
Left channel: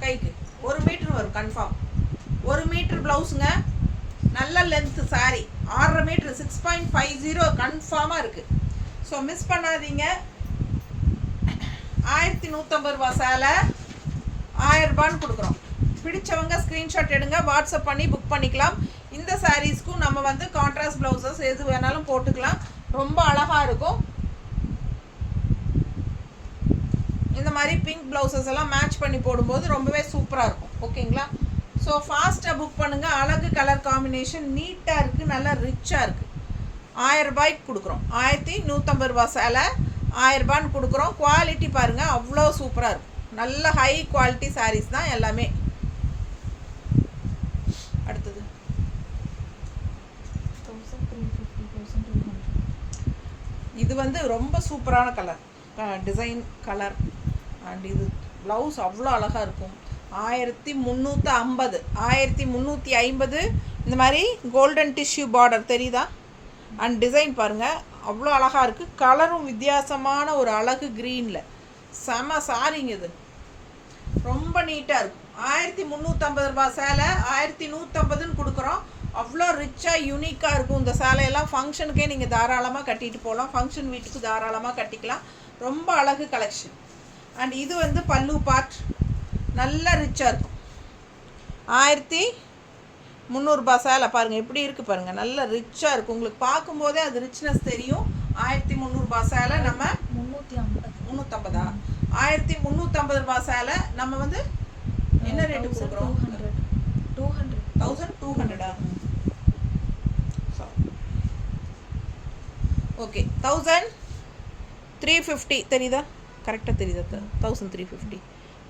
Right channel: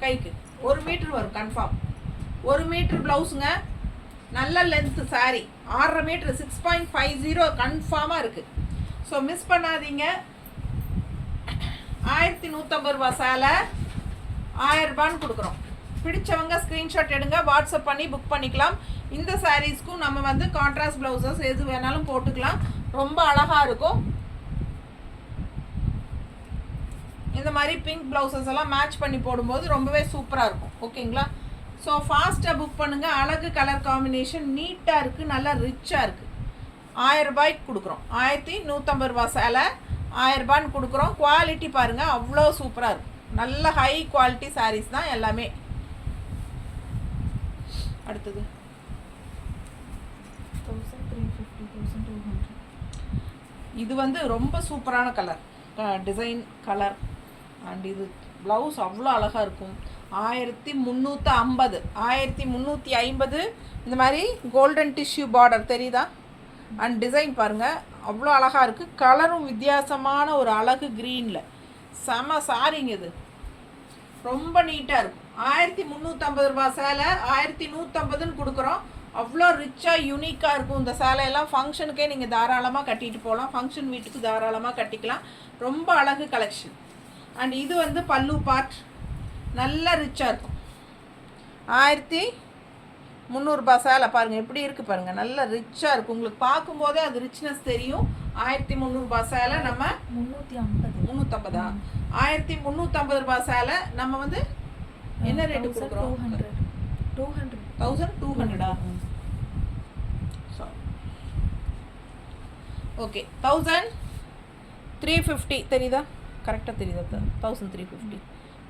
கைக்கு 1 மீட்டர் வரும் கன்ஃபார்ம். 1 மீட்டர் ப்ளவுஸுங்க. நல்ல லென்த்து சாரீ. 6.5 மீட்டர் 6.50 கன்ஃபார்மாக இருக்குது. ஸோ மிஸ் பண்ணாதீங்க. 1150 ரூபா சேலை 1000 ரூபான்னு கொடுக்குறோம். பிடிச்சவங்க ஸ்க்ரீன்ஷாட் எடுங்க, வாட்ஸ்அப் பண்ணி புக் பண்ணிக்கலாம். இந்த சாரீஸ்க்கும் நம்ம வந்து கான்ட்ராஸ்ட் ப்ளவுசஸ் எது வேணாலும் போட்டுக்கலாம். ரொம்ப அழகாக இருக்கும். இந்த மாதிரி பிங்க் ப்ளவுசஸ் எல்லாம் மேட்ச் பண்ணி போடும்போது ரொம்பவே சூப்பராக இருக்கும். ஓகேங்களா? ஸோ ஃபாஸ்ட்டாக புக் பண்ணுங்கள். அழகு கலர் காம்பினேஷன் நீட்டாக இருக்குது, நல்லா ரிச்சாக இருக்குது. 1000 ரூபாய்க்கு கொடுக்குறோம். 1150 ரூபா சேலை 1000 ரூபான்னு கொடுக்குறோம். குவாலிட்டி பாருங்கள், அவ்வளோ சூப்பராக இருக்கும். நல்ல ஹை குவாலிட்டி சாரீஸ் தான் எல்லாமே. அடுத்தது 1350 1200. இது வந்து ரொம்ப சூப்பரான கலர், டிசைன் கலர். அண்ட் இது ப்ளவுஸ் அவ்வளோ அழகாக இருக்கும். 1350 இந்த மாதிரி கோல்டன் டிஷ்யூ பார்டர் தெரியுதா? அண்ட் டிசைன் பாருங்கள், அவ்வளோ அழகாக இருக்குது. கலரும் வித்தியாசமான ஒரு அழகு க்ரீனில். செம சாரிங்க இது, ரொம்ப நீட்டாக இருக்கும். 1350 ரூபா சேலை 1150ன்னு கொடுக்குறோம். அவ்வளோ ரிச்சாக யூனிக்காக இருக்கும். இந்த சேலையெல்லாம் ஃபங்க்ஷனுக்கே நீங்கள் தாராளமாக கட்டிட்டு போகலாம். ஃபங்க்ஷன் வீட்டுக்கு தாராளமாக கட்டிக்கலாம். ரொம்ப அழகு கலெக்ஷன். அண்ட் இது வந்து பல்லு பார்ட், நல்ல ரிச்சாக இருக்கும். 300 சேலை பாருங்கள் எப்படி இருக்குது பாருங்கள், நல்ல ரிச்சாக இருக்குது. உங்களுக்கு பார்க்கும்போதே அது ரிச்னஸ் தெரியும். 1300 சேலை நம்ம 350 1350 சேலை நம்ம வந்து என்ன ரேட்டு கொடுக்குறோம்? 1200 ஓகே 1350 தெரியுதா? கரெக்டாக தெரியுதா?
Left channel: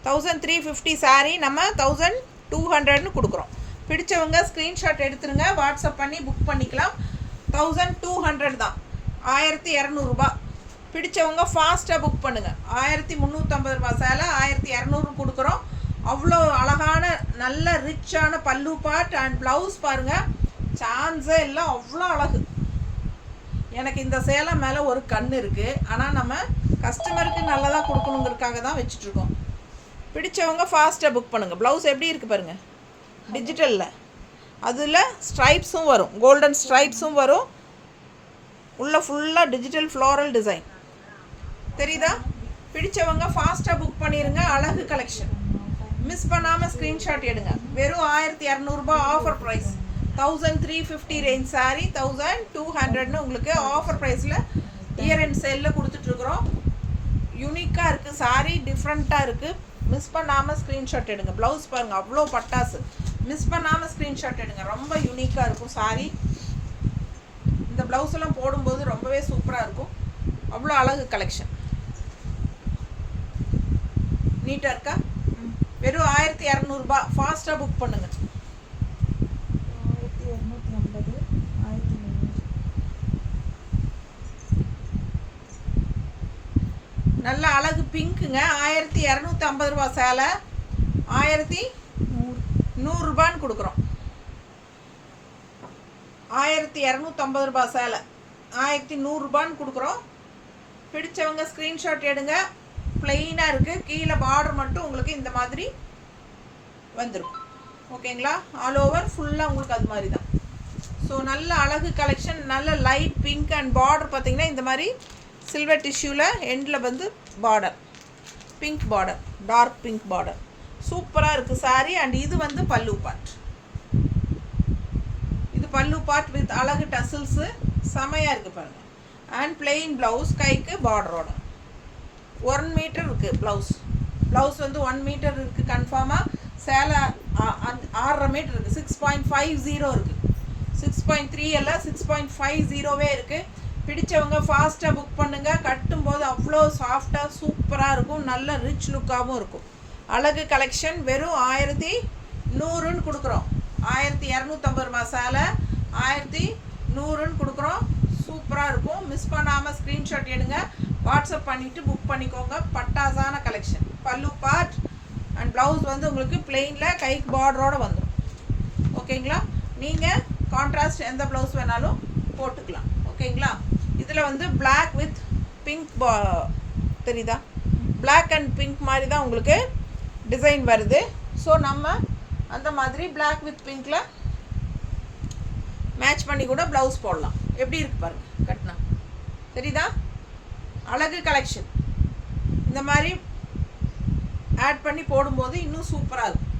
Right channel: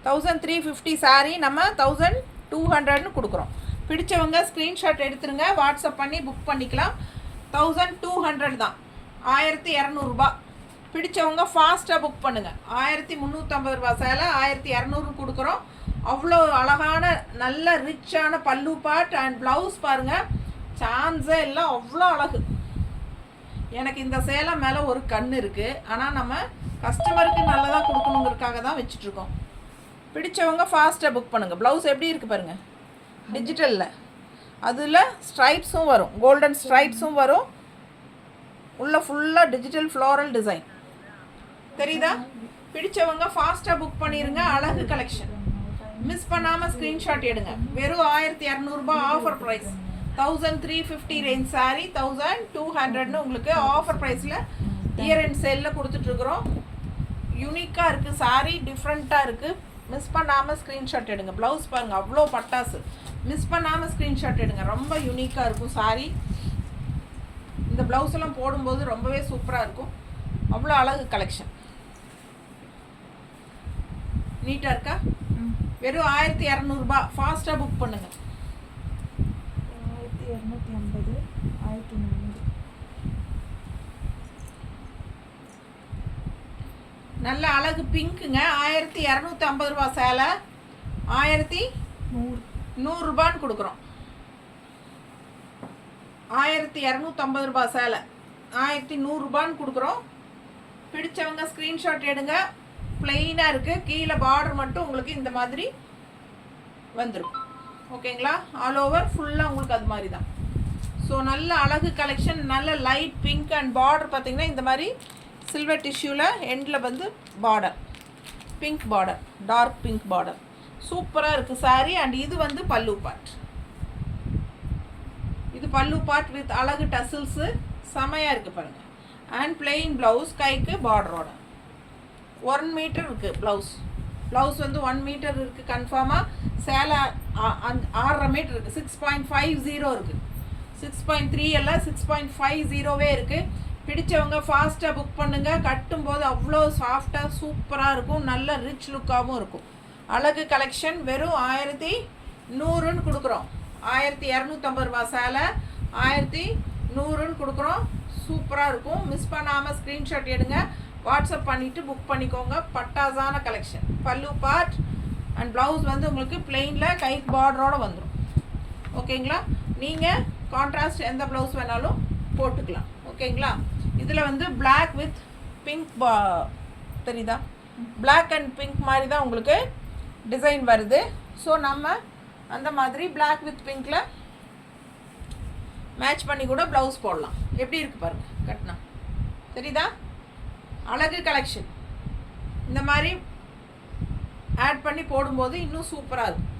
1350 சாரீ நம்ம 1200ன்னு கொடுக்குறோம். பிடிச்சவங்க ஸ்க்ரீன்ஷாட் எடுத்துருங்க, வாட்ஸ்அப் பண்ணி புக் பண்ணிக்கலாம். 1200 தான், 1200 பிடிச்சவங்க ஃபாஸ்ட்டாக புக் பண்ணுங்கள். 1350 சேலை 1200 கொடுக்குறோம். அவ்வளோ அழகான நல்ல ரிச்சான பல்லு பார்ட் அண்ட் ப்ளவுஸ் பாருங்கள், சான்ஸே எல்லாம் அவ்வளோ அழகு. எனக்கு இந்த சேலை மேலே ஒரு கண் இருக்குது, ஆனால் நம்ம கஸ்டமருக்கு நல்லதாக கொடுக்கணுங்கிறதுக்காக தான் வச்சுட்ருக்கோம். பிடிச்சவங்க ஃபாஸ்ட்டாக புக் பண்ணுங்கள். ப்ளவுஸ் எப்படி இருக்குது பாருங்கள், டிஜிட்டலில், அதில் ஸ்ட்ரைப்ஸும் வரும், கோல்டன் ஸ்ட்ரைப்ஸும் வரும், உள்ள ஃபுல்லாக டிஜிட்டல் ஃப்ளோரல் டிசைன் தெரியுதா? பிடிச்சவங்க ஃபாஸ்ட்டாக புக் பண்ணிடுங்க. அழகு கலெக்ஷன் மிஸ் பண்ணாமல் ஸ்க்ரீன்ஷாட் எடுங்க. வெறும் 1200 ஆஃபர் ப்ரைஸ். 1350 ரேஞ்ச் சாரி 1200ன்னு உங்களுக்கு ஆஃபர் ப்ரைஸில் இயர் அண்ட் சேலில் கொடுத்துட்ருக்குறோம். யூனிக்காக இருக்குது சாரி, டிஃப்ரெண்ட்டாக இருக்குது. மிஸ் பண்ணாமல் ஸ்க்ரீன்ஷாட் எடுங்க. ப்ளவுஸ் பாருங்கள் அவ்வளோ பட்டாசு, மிஸ் பண்ணாமல் ஸ்க்ரீன்ஷாட் எடுங்க. ரொம்ப யூனிக்காக இருக்கும் சாரி. இந்த ப்ளவுஸ் எல்லாம் போடும்போது ரொம்பவே சூப்பராக இருக்கும். அவ்வளோ அழகு கலெக்ஷன், நீட்டாக இருக்கா? வெறும் 1200 ஃபாஸ்ட்டாக புக் பண்ணுங்கள். 1250 1300 நல்ல அழகு பிங்க்குங்க. 1250 சேலை 1100 கொடுக்குறோம். 1250 சேலை 1100 கொடுக்குறோம். பிடிச்சவங்க ஸ்க்ரீன்ஷாட் எடுங்க. பிளெயினாக இருக்குது, கீழே பார்டர் மட்டும் உங்களுக்கு இந்த மாதிரி வந்துடும். ஓகேங்களா? ஆல் ஓவர் ஃபுல்லாக உங்களுக்கு அது மாதிரி தான். ஸோ நல்ல அழகு கலெக்ஷன், நல்ல லைட் பிங்க் அண்ட் பார்டர் பார்த்திங்கன்னா இந்த மாதிரி சில்வர் டிஷ்யூவில் எண்டில் வந்து border, pink border, dark pink border, சூப்பராக இருக்குது சாரி. அண்ட் இது வந்து பல்லு பார்ட், இது பல்லு பார்ட் வித் அழகு டசில்ஸு, செமையாக இருக்குது பாருங்கள். அண்ட் பிளெயின் ப்ளவுஸ், கைக்கு பார்டரோட 1 மீட்டர் இருக்குது ப்ளவுஸ். ப்ளவுஸ் வந்து 1 மீட்டர் இருக்குது கன்ஃபார்மாக. சேலை 6.5 மீட்டர் இருக்குது. 6.50 இருக்குது, 6.3 எல்லாம் 6.50 இருக்குது. பிடிச்சவங்க ஃபாஸ்ட்டாக புக் பண்ணுங்கள். கட்டும்போது அவ்வளோ சாஃப்டாக சூப்பராக இருக்கும், நல்ல ரிச் லுக்காகவும் இருக்கும். அழகு கலெக்ஷன் வெறும் 1100ன்னு கொடுக்குறோம். 1250 சேலை 1100ன்னு கொடுக்குறோம். சூப்பராக இருக்கும். மிஸ் பண்ணாமல் ஸ்க்ரீன்ஷாட் எடுங்க, வாட்ஸ்அப் பண்ணிவிட்டு புக் பண்ணிக்கோங்க. பட்டாசான கலெக்ஷன். பல்லு பார்ட் அண்ட் ப்ளவுஸ் வந்து உங்களுக்கு பிளெயினில் கைக்கு பார்டரோடு வந்துடும். ஓகேங்களா? நீங்கள் கான்ட்ராஸ்ட் எந்த ப்ளவுஸ் வேணாலும் போட்டுக்கலாம். ஓகேங்களா? இதில் வந்து பிளாக் வித் பிங்க் தெரியுதா? பிளாக் அண்ட் பிங்க் மாதிரி தான் உங்களுக்கு டிசைன் வருது. ஸோ நம்ம அந்த மாதிரி பிளாக் வித் பிங்க்கில் மேட்ச் பண்ணி கூட ப்ளவுஸ் போடலாம். எப்படி இருக்குது பாருங்கள் கட்டினா, தெரியுதா? அழகு கலெக்ஷன். இந்த மாதிரி ஆட் பண்ணி போடும்போது இன்னும் சூப்பராக இருக்கும்.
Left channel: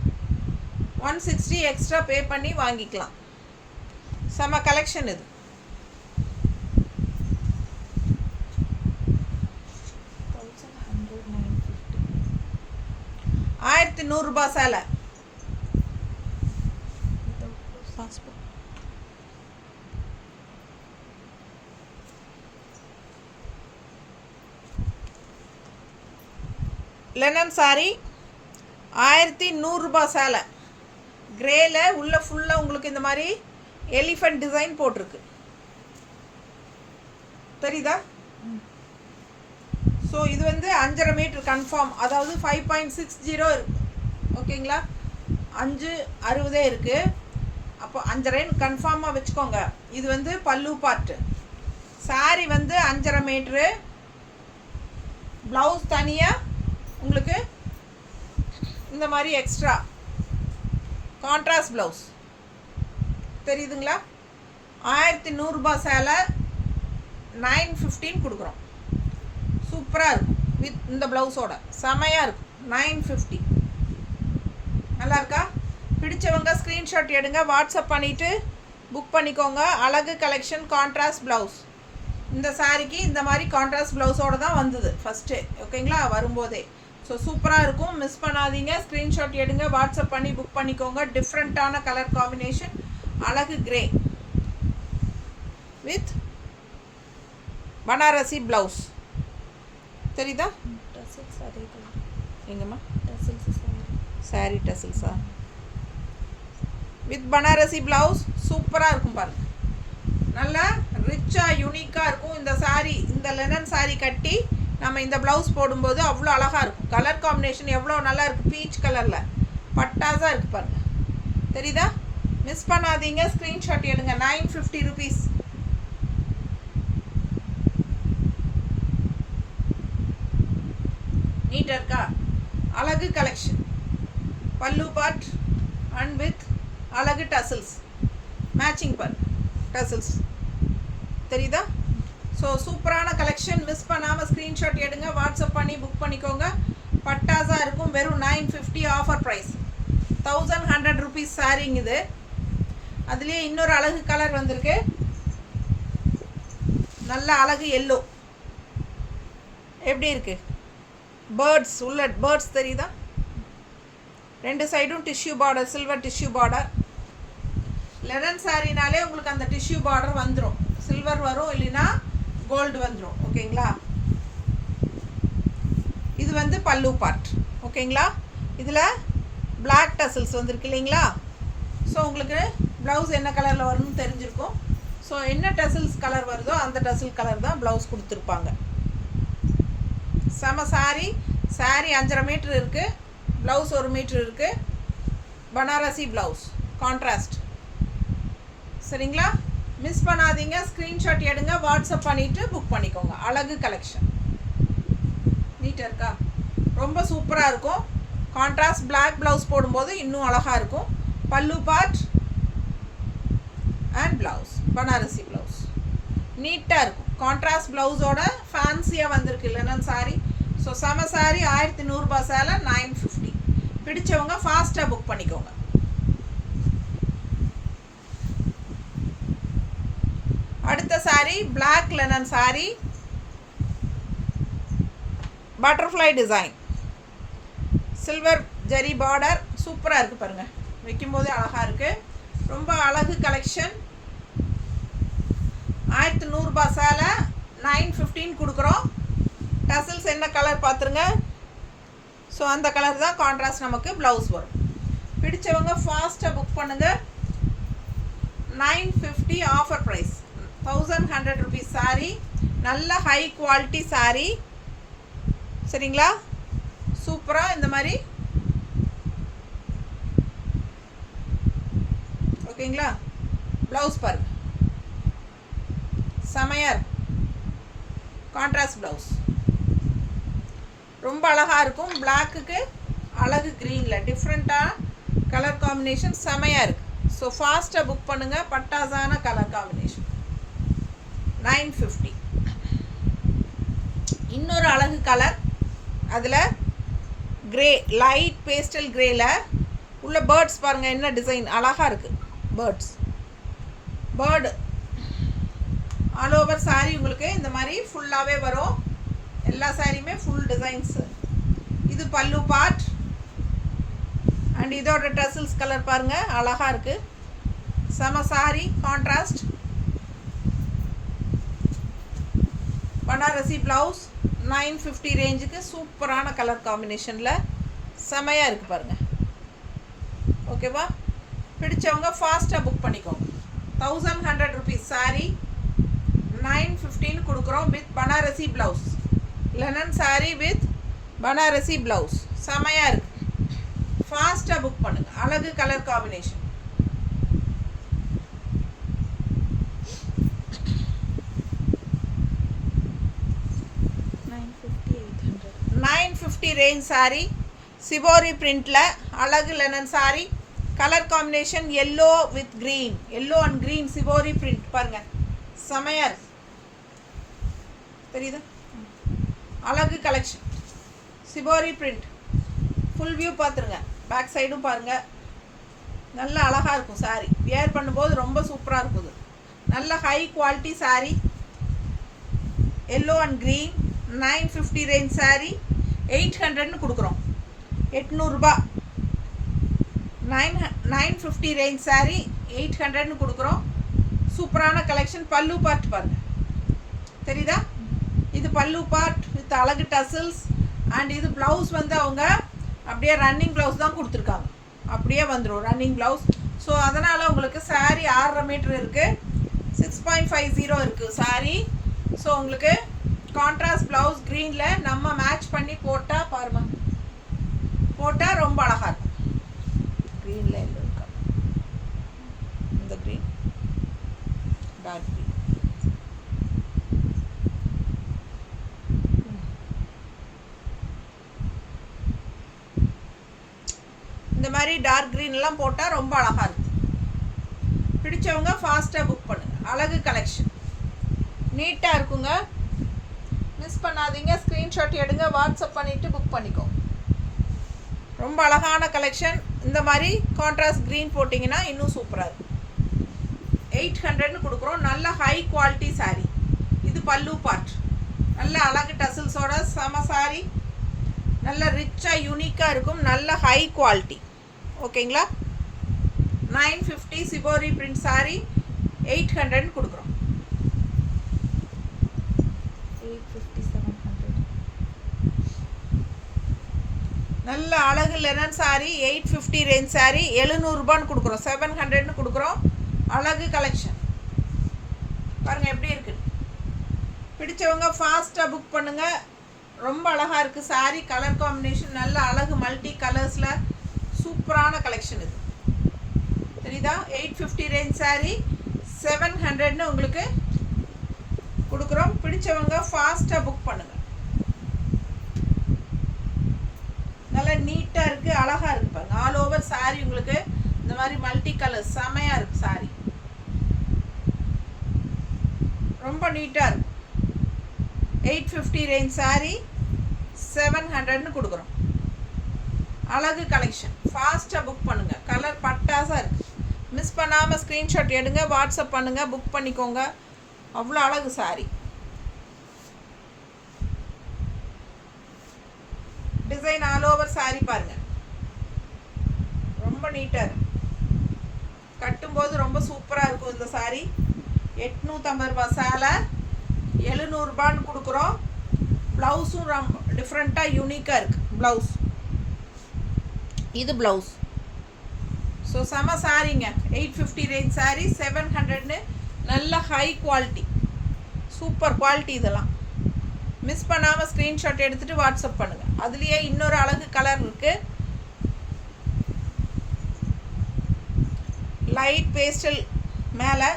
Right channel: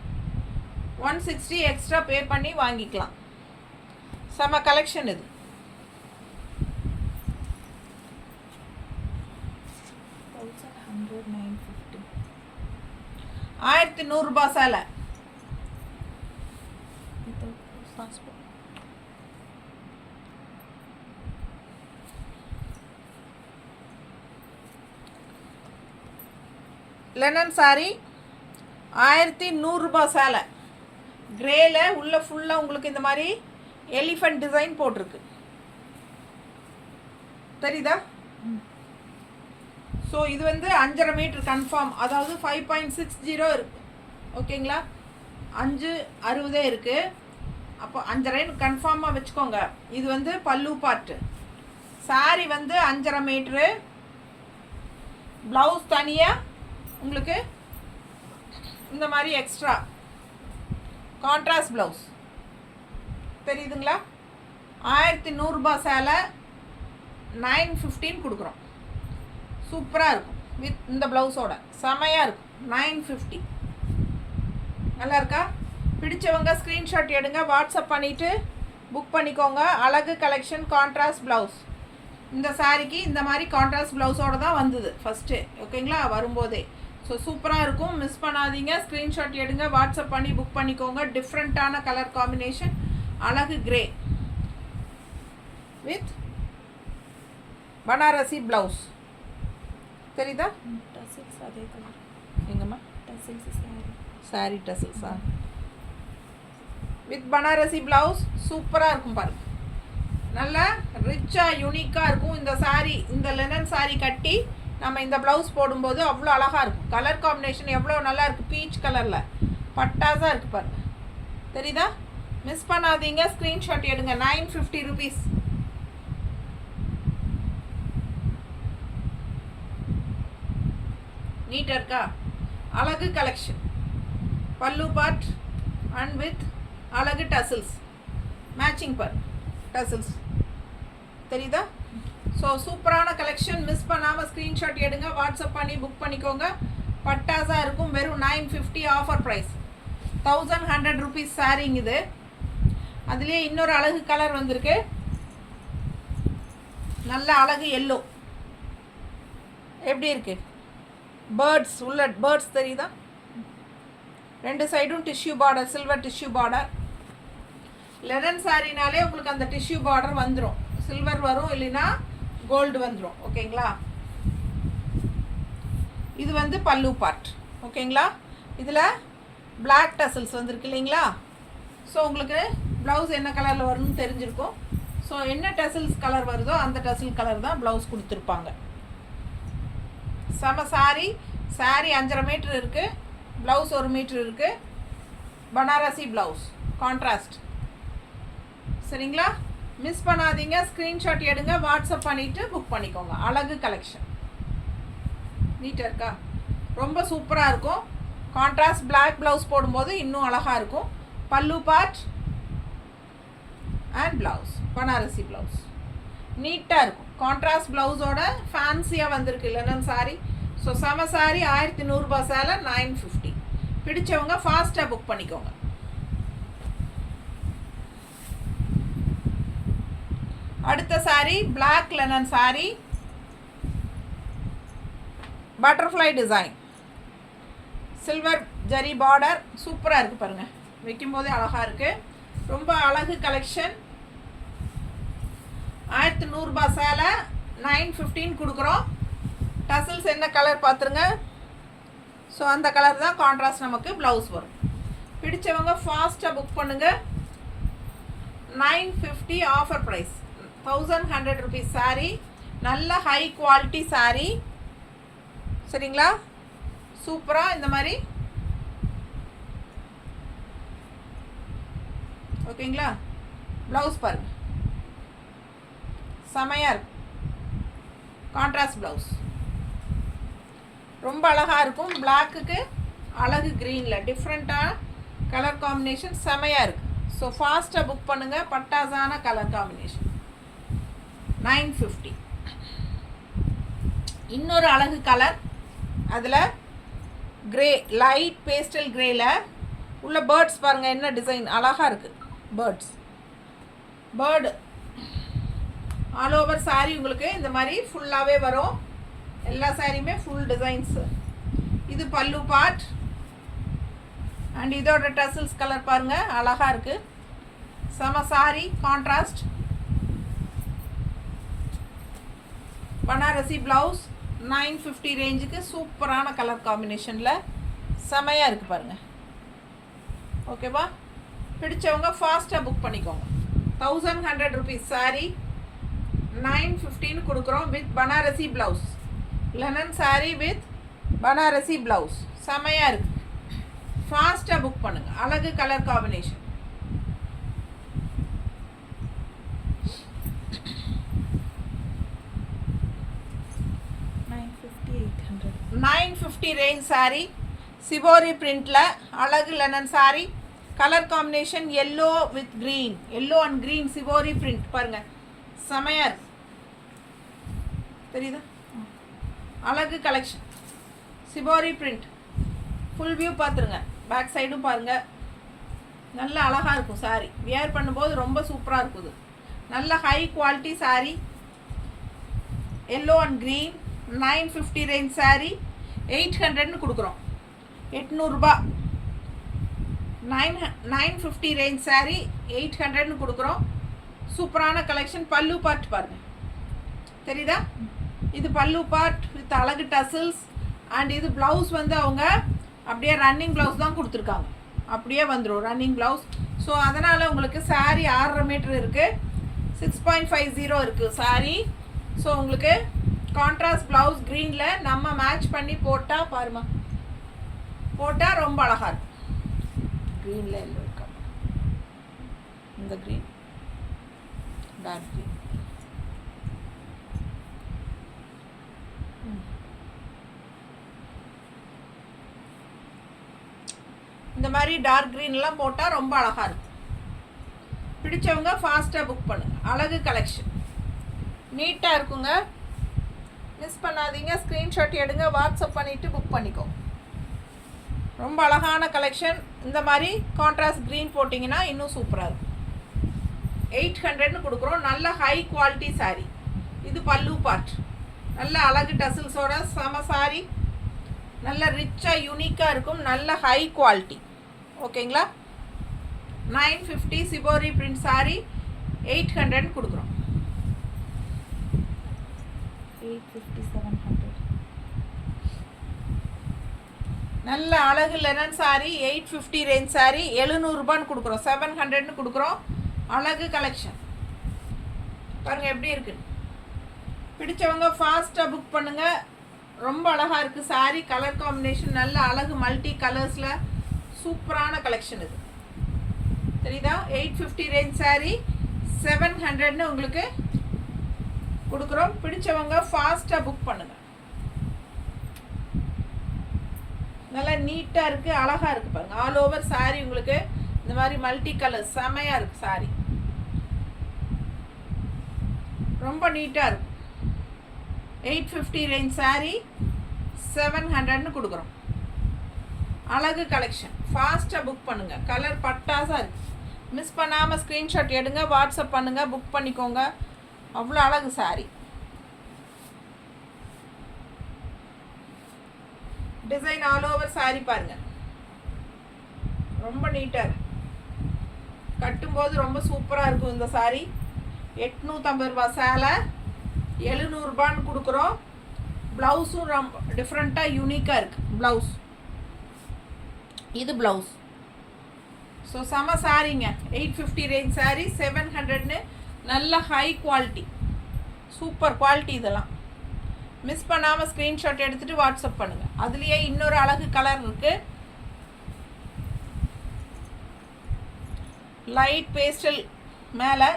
160 எக்ஸ்ட்ரா பே பண்ணி வாங்கிக்கலாம். செம கலெக்ஷன் இது. 1100 சேலை. லெனன் சாரி 1100 சேலை. கிரேல உள்ள ஃபுல்லாக உங்களுக்கு இந்த மாதிரி எலிஃபண்ட் டிசைன் போட்டிருக்கு, தெரியுதா? ஸோ இது வந்து 5.5 மீட்டர் கன்ஃபார்ம், அதாவது 5.60 இருக்குது. ஓகேங்களா? 5.60 இருக்குது. அப்போ 5.5 கன்ஃபார்மாக வச்சுக்கோங்க. இது வந்து பல்லு பார்ட்டு. சாரி வந்து 5.5 மீட்ரு. ப்ளவுஸ் தனியாக உங்களுக்கு இந்த மாதிரி எக்ஸ்ட்ரா கான்ட்ராஸ்ட் ப்ளவுஸ், தெரியுதுங்களா? 1100 சேலை 915 கொடுக்குறோம். சூப்பராக இருக்கும் வித் இந்த ப்ளவுஸோட, செமையாக இருக்கும். 950 நல்லா இருக்கா? பிடிச்சவங்க ஸ்க்ரீன்ஷாட் எடுங்க, வாட்ஸ்அப் பண்ணிவிட்டு புக் பண்ணிக்கோங்க. அழகு கலெக்ஷன் கான்ட்ராஸ்ட் ப்ளவுஸ். இந்த சாரீக்கு இந்த மாதிரி கான்ட்ராஸ்ட் ப்ளவுஸோடு தான் வந்தது ஃபஸ்ட்டு, ஓகேங்களா, வரும்போதே. ஸோ சூப்பராக இருக்கும், மிஸ் பண்ணாதீங்க. ஸ்க்ரீன்ஷாட் எடுங்க, வாட்ஸ்அப் பண்ணி புக் பண்ணிக்கோங்க. டிஃப்ரெண்ட்டான கலர் காம்பினேஷன், அழகு கிரே வித் பனாரசி ப்ளவுஸ். தெரியுதா? டசில்ஸ் அதே கலர். எங்கம்மா? டசில்ஸ் சாரீ டசில்ஸா? வித் பனாரசி ப்ளவுஸ் சூப்பராக இருக்கும் பாருங்கள். நல்லா ரிச்சாக யூனிக்காக இருக்கும் இந்த சாரீ. இந்த லெனன் சாரீ கட்டி நம்ம இந்த ப்ளவுஸ் போடும்போது அவ்வளோ அழகாக இருக்கும். கலர் காம்பினேஷன் எவ்வளோ நல்லா இருக்குது, பீச் கலரில் பட்டாஸாக இருக்குது பாருங்கள். தெரியுதா? மிஸ் பண்ணாதீங்க, ஸ்க்ரீன்ஷாட் எடுங்க. 950 rupees. நீட்டாக இருக்கா? அழகு கலெக்ஷன், பல்லு பார்ட் அண்ட் வித் அழகு டசில்ஸ், மேட்சிங் பர் டசில்ஸ். தெரியுதா? ஸோ சூப்பரான கலெக்ஷன், மிஸ் பண்ணாமல் ஸ்க்ரீன்ஷாட் எடுங்க, வாட்ஸ்அப் பண்ணி புக் பண்ணிக்கோங்க. பட்டாஸாக இருக்கும். வெறும் 950 ஆஃபர் ப்ரைஸ். 1100 rupees சாரிங் இது. அதுலேயே இன்னொரு அழகு கலர் வந்திருக்கு, நல்ல அழகு எல்லோ. எப்படி இருக்குது? பேர்ட்ஸ் உள்ள பேர்ட்ஸ் தெரியுதா? ரெண்டு சைடும் tissue border, silver tissue border. Linen சாரினாலே உங்களுக்கு அந்த டிஷ்யூ பார்டர் வந்துடும். சில்வர் வரும், இல்லைன்னா கோல்டு வந்துடும், ஓகேங்களா. இது வந்து பல்லு பார்ட், ஓகேங்களா. இதில் பிளாக் டசில்ஸ் வந்துருக்கு இல்லைங்களா. ஸோ உங்களுக்கு ப்ளவுஸ் என்ன கலரில் வரணும்னு தெரிஞ்சிருக்கும். ஸோ என்ன டசில்ஸ் கலர் வருதோ அந்த டசில் கலர் தான் ப்ளவுஸ் கொடுத்துருப்பாங்க. செம சாரி. சாரி 5.5 மீட்டர் இருக்குது, ப்ளவுஸ் 1 மீட்டர் இருக்குது. Banarasi blouse contrast. சரிங்களா? மிஸ் பண்ணாதீங்க, ஸ்க்ரீன்ஷாட் எடுங்க, வாட்ஸ்அப் பண்ணிவிட்டு புக் பண்ணிக்கோங்க. அழகு கலெக்ஷன் நீட்டாக இருக்கா? ரொம்ப சூப்பராக இருக்கும். கான்ட்ராஸ்ட் பிளாக் ப்ளவுஸ் போடும்போது இன்னும் அழகாக இருக்கும். Pallu part and blouse Banarasi blouse நீட்டாக இருக்கும். கான்ட்ராஸ்ட் ப்ளவுஸோட ஃபேன்சியாக வந்திருக்கு லெனன் சாரி. ஸோ செம சாரி. 1100 ரூபாய் சேலை 950. பிடிச்சவங்க ஃபாஸ்ட்டாக புக் பண்ணிக்கோங்க. அடுத்த sari black linen sari, butterfly design, silver zari border. சூப்பராக இருக்குது பாருங்கள், வைக்கும்போதே அழகாக இருக்குது. ரொம்ப அழகு கலெக்ஷன். 1100 ரூபாய் சேலை 915 கொடுக்குறோம். டசில்ஸ் என்ன கலர் பார்த்துருங்க. ஸோ அந்த கலர் தான் கான்ட்ராஸ்ட் நமக்கு ப்ளவுஸ் வரும். பிடிச்சவங்க ஃபாஸ்ட்டாக புக் பண்ணுங்கள். 950 ஆஃபர் ப்ரைஸ். 1100 rupees சாரீ. நல்ல ஹை குவாலிட்டி சாரீ. சரிங்களா? சூப்பராக இந்த மாதிரி, ஓகேங்களா. ப்ளவுஸ் பாருங்க, செமையாக இருக்கும். கான்ட்ராஸ்ட் ப்ளவுஸ் ரொம்ப அழகாக இருக்கும். பிளாக்குக்கு அழகு க்ரீனில் டிஃப்ரெண்ட்டாக கலர் காம்பினேஷன் செமையாக இருக்குது. ஸோ ஃபாஸ்ட்டாக புக் பண்ணுங்கள். பட்டாசான கலர் காம்பினேஷன் 950. இன்னொரு அழகு கலர், அதில் கிரே, லைட் பேஸ்டல் கிரேயில் உள்ள பேர்ட்ஸ் பாருங்கள், என்ன டிசைன் அழகாக இருக்குது. பேர்டு ஆல் ஓவர் சாரீ உங்களுக்கு இந்த மாதிரி ஃபுல்லாகவே வரும். எல்லா சாரியுமே ஃபுல் டிசைன்ஸு. இது பல்லு பார்ட் அண்ட் இதோட டசில்ஸ் கலர் பாருங்கள், அழகாக இருக்குது. செம சாரி. கான்ட்ராஸ்ட் பனாரசி ப்ளவுஸ் 950 ரேஞ்சுக்கு சூப்பரான கலர் காம்பினேஷனில் செமையாக இருக்குது பாருங்கள். ஓகேவா? பிடிச்சவங்க ஃபாஸ்ட்டாக புக் பண்ணிக்கோங்க. 1100 rupees சாரீ 915 கொடுக்குறோம் with Banarasi blouse. Linen sari with Banarasi blouse செமையாக இருக்குது. ஃபாஸ்ட்டாக புக் பண்ணுங்கள். அழகு colour combination. 950 range sari. Shibori பிரிண்டில் அழகு linen sari. Colour combination yellow with green, yellow and green shibori print பாருங்கள், செமையாக இருக்கு. தெரியுதா? அழகு collection shibori print. Full view பார்த்துருங்க, பேக் சைடும் பாருங்கள். நல்ல அழகாக இருக்கும் saree. வியர் பண்ணும்போது ரொம்ப சூப்பராக இருக்குது. நல்ல high quality saree. Yellow and green 950 range saree. 800ன்னு கொடுக்குறோம். 800 ரூபாய். 950 ரேஞ்ச் saree 800ன்னு கொடுக்குறோம். சூப்பரான கலெக்ஷன். பல்லு பார்ட் பாருங்க, தெரியுதா? இது பல்லு பார்ட் வித் அழகு டசில்ஸ். அண்ட் இது ப்ளவுஸ் வந்து அவங்க அப்படியே ரன்னிங் ப்ளவுஸ் தான் கொடுத்துருக்காங்க. அப்படியே வந்துடும் ரன்னிங் ப்ளவுஸ். ஸோ அதனால் உங்களுக்கு saree 6.5 மீட்டர் இருக்குது. 6.50 இருக்குது saree. ஸோ உங்களுக்கு கான்ட்ராஸ்ட் ப்ளவுஸ் க்ரீனில் நம்ம மேட்ச் பண்ணி போட்டால் பாருமா, போட்டால் ரொம்ப அழகாக இருக்கும். க்ரீனில் எல்லோ இருக்கா, இந்த க்ரீன் டார்க் க்ரீன். இந்த மாதிரி டார்க் க்ரீன்லாம் போட்டால் ரொம்ப அழகாக இருக்கும். பிடிச்சவங்க ஃபாஸ்ட்டாக புக் பண்ணுங்கள். அழகு கலெக்ஷன் நீட்டாக இருக்குங்க. மிஸ் பண்ணாதீங்க. ஸ்க்ரீன்ஷாட் எடுங்க, வாட்ஸ்அப் பண்ணிவிட்டு புக் பண்ணிக்கோ. ரொம்ப அழகான கலெக்ஷன். இந்த மாதிரி கான்ட்ராஸ்ட் க்ரீன் போட்டிங்கன்னா இன்னும் சூப்பராக இருக்கும். 800ன்னு கொடுக்குறோம். நல்ல ஹை குவாலிட்டி saree. இது பல்லு பார்ட். நல்ல அழகு டசில்ஸோட செம saree. நல்ல ரிச்சாக யூனிக்காக இருக்கும். நல்ல ஹை குவாலிட்டி. ஓகேங்களா? 950 சிபோரி பிரிண்ட் saree 800ன்னு கொடுக்குறோம். 850 700. நல்ல அழகு லெனன் saree 850 ரேஞ்ச் saree 700 ரூபான்னு கொடுக்குறோம். 700ன்னு கொடுக்குறோம். அழகு கலெக்ஷன் பாருங்கள் எப்படி இருக்குது. பிடிச்சவங்க ஃபாஸ்ட்டாக புக் பண்ணுங்கள். ரொம்ப அழகாக இருக்குது saree. கலர் காம்பினேஷன் நல்ல அழகு மல்டி கலர்ஸில் சூப்பரான கலெக்ஷன் இது. தெரியுதா? 850 ரேஞ்ச் saree 700ன்னு உங்களுக்கு கொடுக்குறோம். பிடிச்சவங்க ஃபாஸ்ட்டாக புக் பண்ணுங்கள். நல்லா நீட்டாக இருக்குது, அழகாக இருக்குது பாருங்கள். ஆல் ஓவர் saree உங்களுக்கு இந்த மாதிரி மல்டி கலர்ஸ் செமையாக இருக்குது saree. ரொம்ப நீட்டாக இருக்கும். 850 ரேஞ்ச் saree 700ன்னு கொடுக்குறோம். அழகு கலெக்ஷன். ஃபாஸ்ட்டாக புக் பண்ணுங்கள். கலர் பட்டாசாக இருக்குது. மிஸ் பண்ணாமல் ஸ்க்ரீன்ஷாட் எடுங்க, வாட்ஸ்அப் பண்ணுங்கள், புக் பண்ணிக்கோங்க. அவ்வளோ அழகு saree. Design all over saree பாருங்கள். ரொம்ப நீட்டாக இருக்கு. கட்டும்போது ரொம்ப சூப்பராக இருக்கும் இந்த saree. 850 ரூபா சேலை 700 ரூபான்னு கொடுக்குறோம். ப்ளவுஸும் ரொம்ப டிஃப்ரெண்ட்டாக யூனிக்காக இருக்குது ப்ளவுஸ். இது ப்ளவுஸ். ஸோ செம சாரீங்க. 850 ரேஞ்ச் saree 700ன்னு நல்ல ஹை குவாலிட்டி, சூப்பர் குவாலிட்டி. இதெல்லாம் மிஸ் பண்ணாமல் ஸ்க்ரீன்ஷாட் எடுத்துகிட்டு வாட்ஸ்அப் பண்ணுங்கள். அதுலேயே இன்னொரு அழகு கலர் இருக்குது. லைட் பேஸ்டல் மேலே,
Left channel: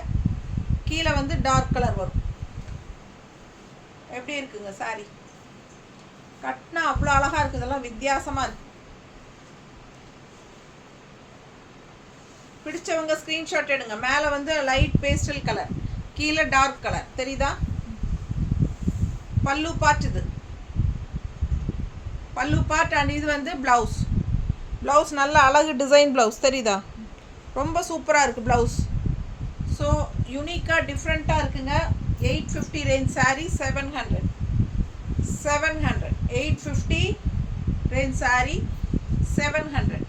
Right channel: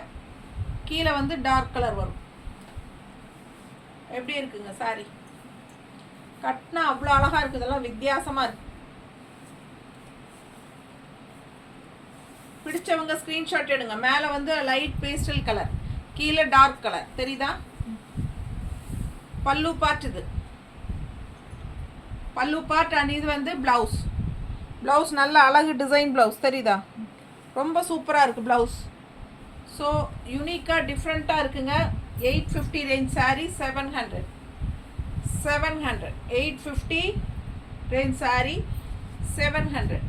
கீழே வந்து டார்க் கலர் வரும். எப்படி இருக்குங்க saree? கட்டினா அவ்வளோ அழகாக இருக்குது. இதெல்லாம் வித்தியாசமாக இருக்குது. பிடிச்சவங்க ஸ்க்ரீன்ஷாட் எடுங்க. மேலே வந்து லைட் பேஸ்டல் கலர், கீழே டார்க் கலர். தெரியுதா? பல்லு பார்ட். இது பல்லு பார்ட். அண்ட் இது வந்து ப்ளவுஸ். ப்ளவுஸ் நல்ல அழகு டிசைன் ப்ளவுஸ். தெரியுதா? ரொம்ப சூப்பராக இருக்குது ப்ளவுஸ். ஸோ யூனிக்காக டிஃப்ரெண்ட்டாக இருக்குங்க. 850 ரேஞ்ச் saree 700. 850 range saree 700.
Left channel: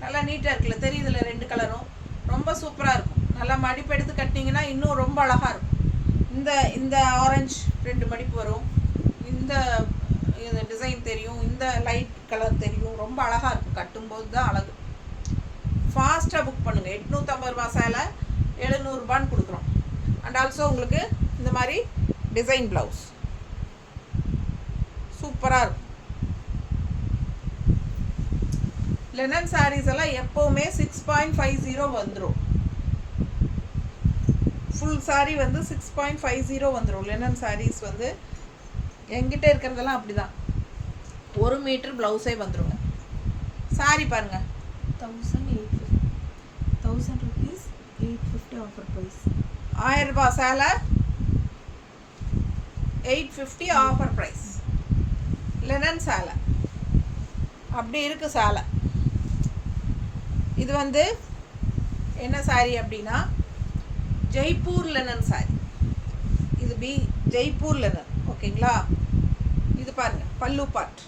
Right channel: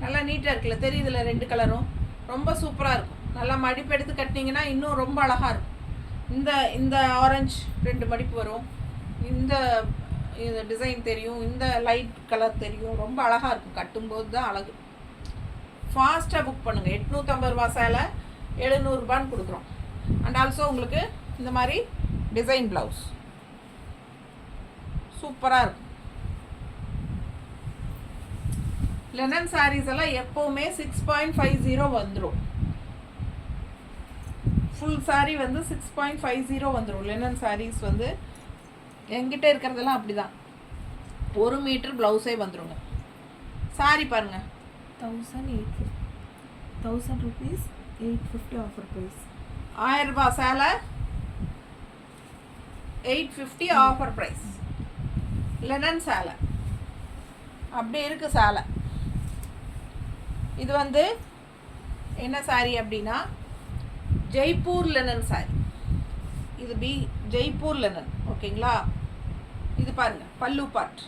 நல்லா நீட்டாக இருக்குல்ல? தெரியுதுல? 2 கலரும் ரொம்ப சூப்பராக இருக்கும். நல்லா மடிப்பு எடுத்து கட்டினீங்கன்னா இன்னும் ரொம்ப அழகாக இருக்கும். இந்த ஆரஞ்சு 2 மடிப்பு வரும். இந்த டிசைன் தெரியும். இந்த லைட் கலர் தெரியும். ரொம்ப அழகாக இருக்கும். கட்டும்போது தான் அழகு. ஃபாஸ்ட்டாக புக் பண்ணுங்கள். 850 ரூபா சேலை 700 ரூபான்னு கொடுக்குறோம். அண்ட் ஆல்சோ உங்களுக்கு இந்த மாதிரி டிசைன் ப்ளவுஸ் சூப்பராக இருக்கும். லெனன் சாரீஸ் எல்லாம் எப்போவுமே 6.50 வந்துடும். ஃபுல் saree வந்து 6.50 வந்துடும். லெனன் சாரீஸ் வந்து எங்கிட்ட இருக்கிறதெல்லாம் அப்படி தான். 1 மீட்டர் ப்ளவுஸே வந்துடுங்க. saree பாருங்கள். 1000 rupees 850 ஆஃபர் ப்ரைஸ். 1000 ரூபா சேலை 850 ஆஃபர் ப்ரைஸ். லெனன் சேலை அப்படி இருக்குது. சேலை இது வந்து என்ன சாரி அப்படின்னா ஜெய்ப்பூர் லெனன் சாரி. இது ஜெய்ப்பூர் லெனன். ஓகேங்களா? இது பாருங்கள் பல்லு பார்ட்.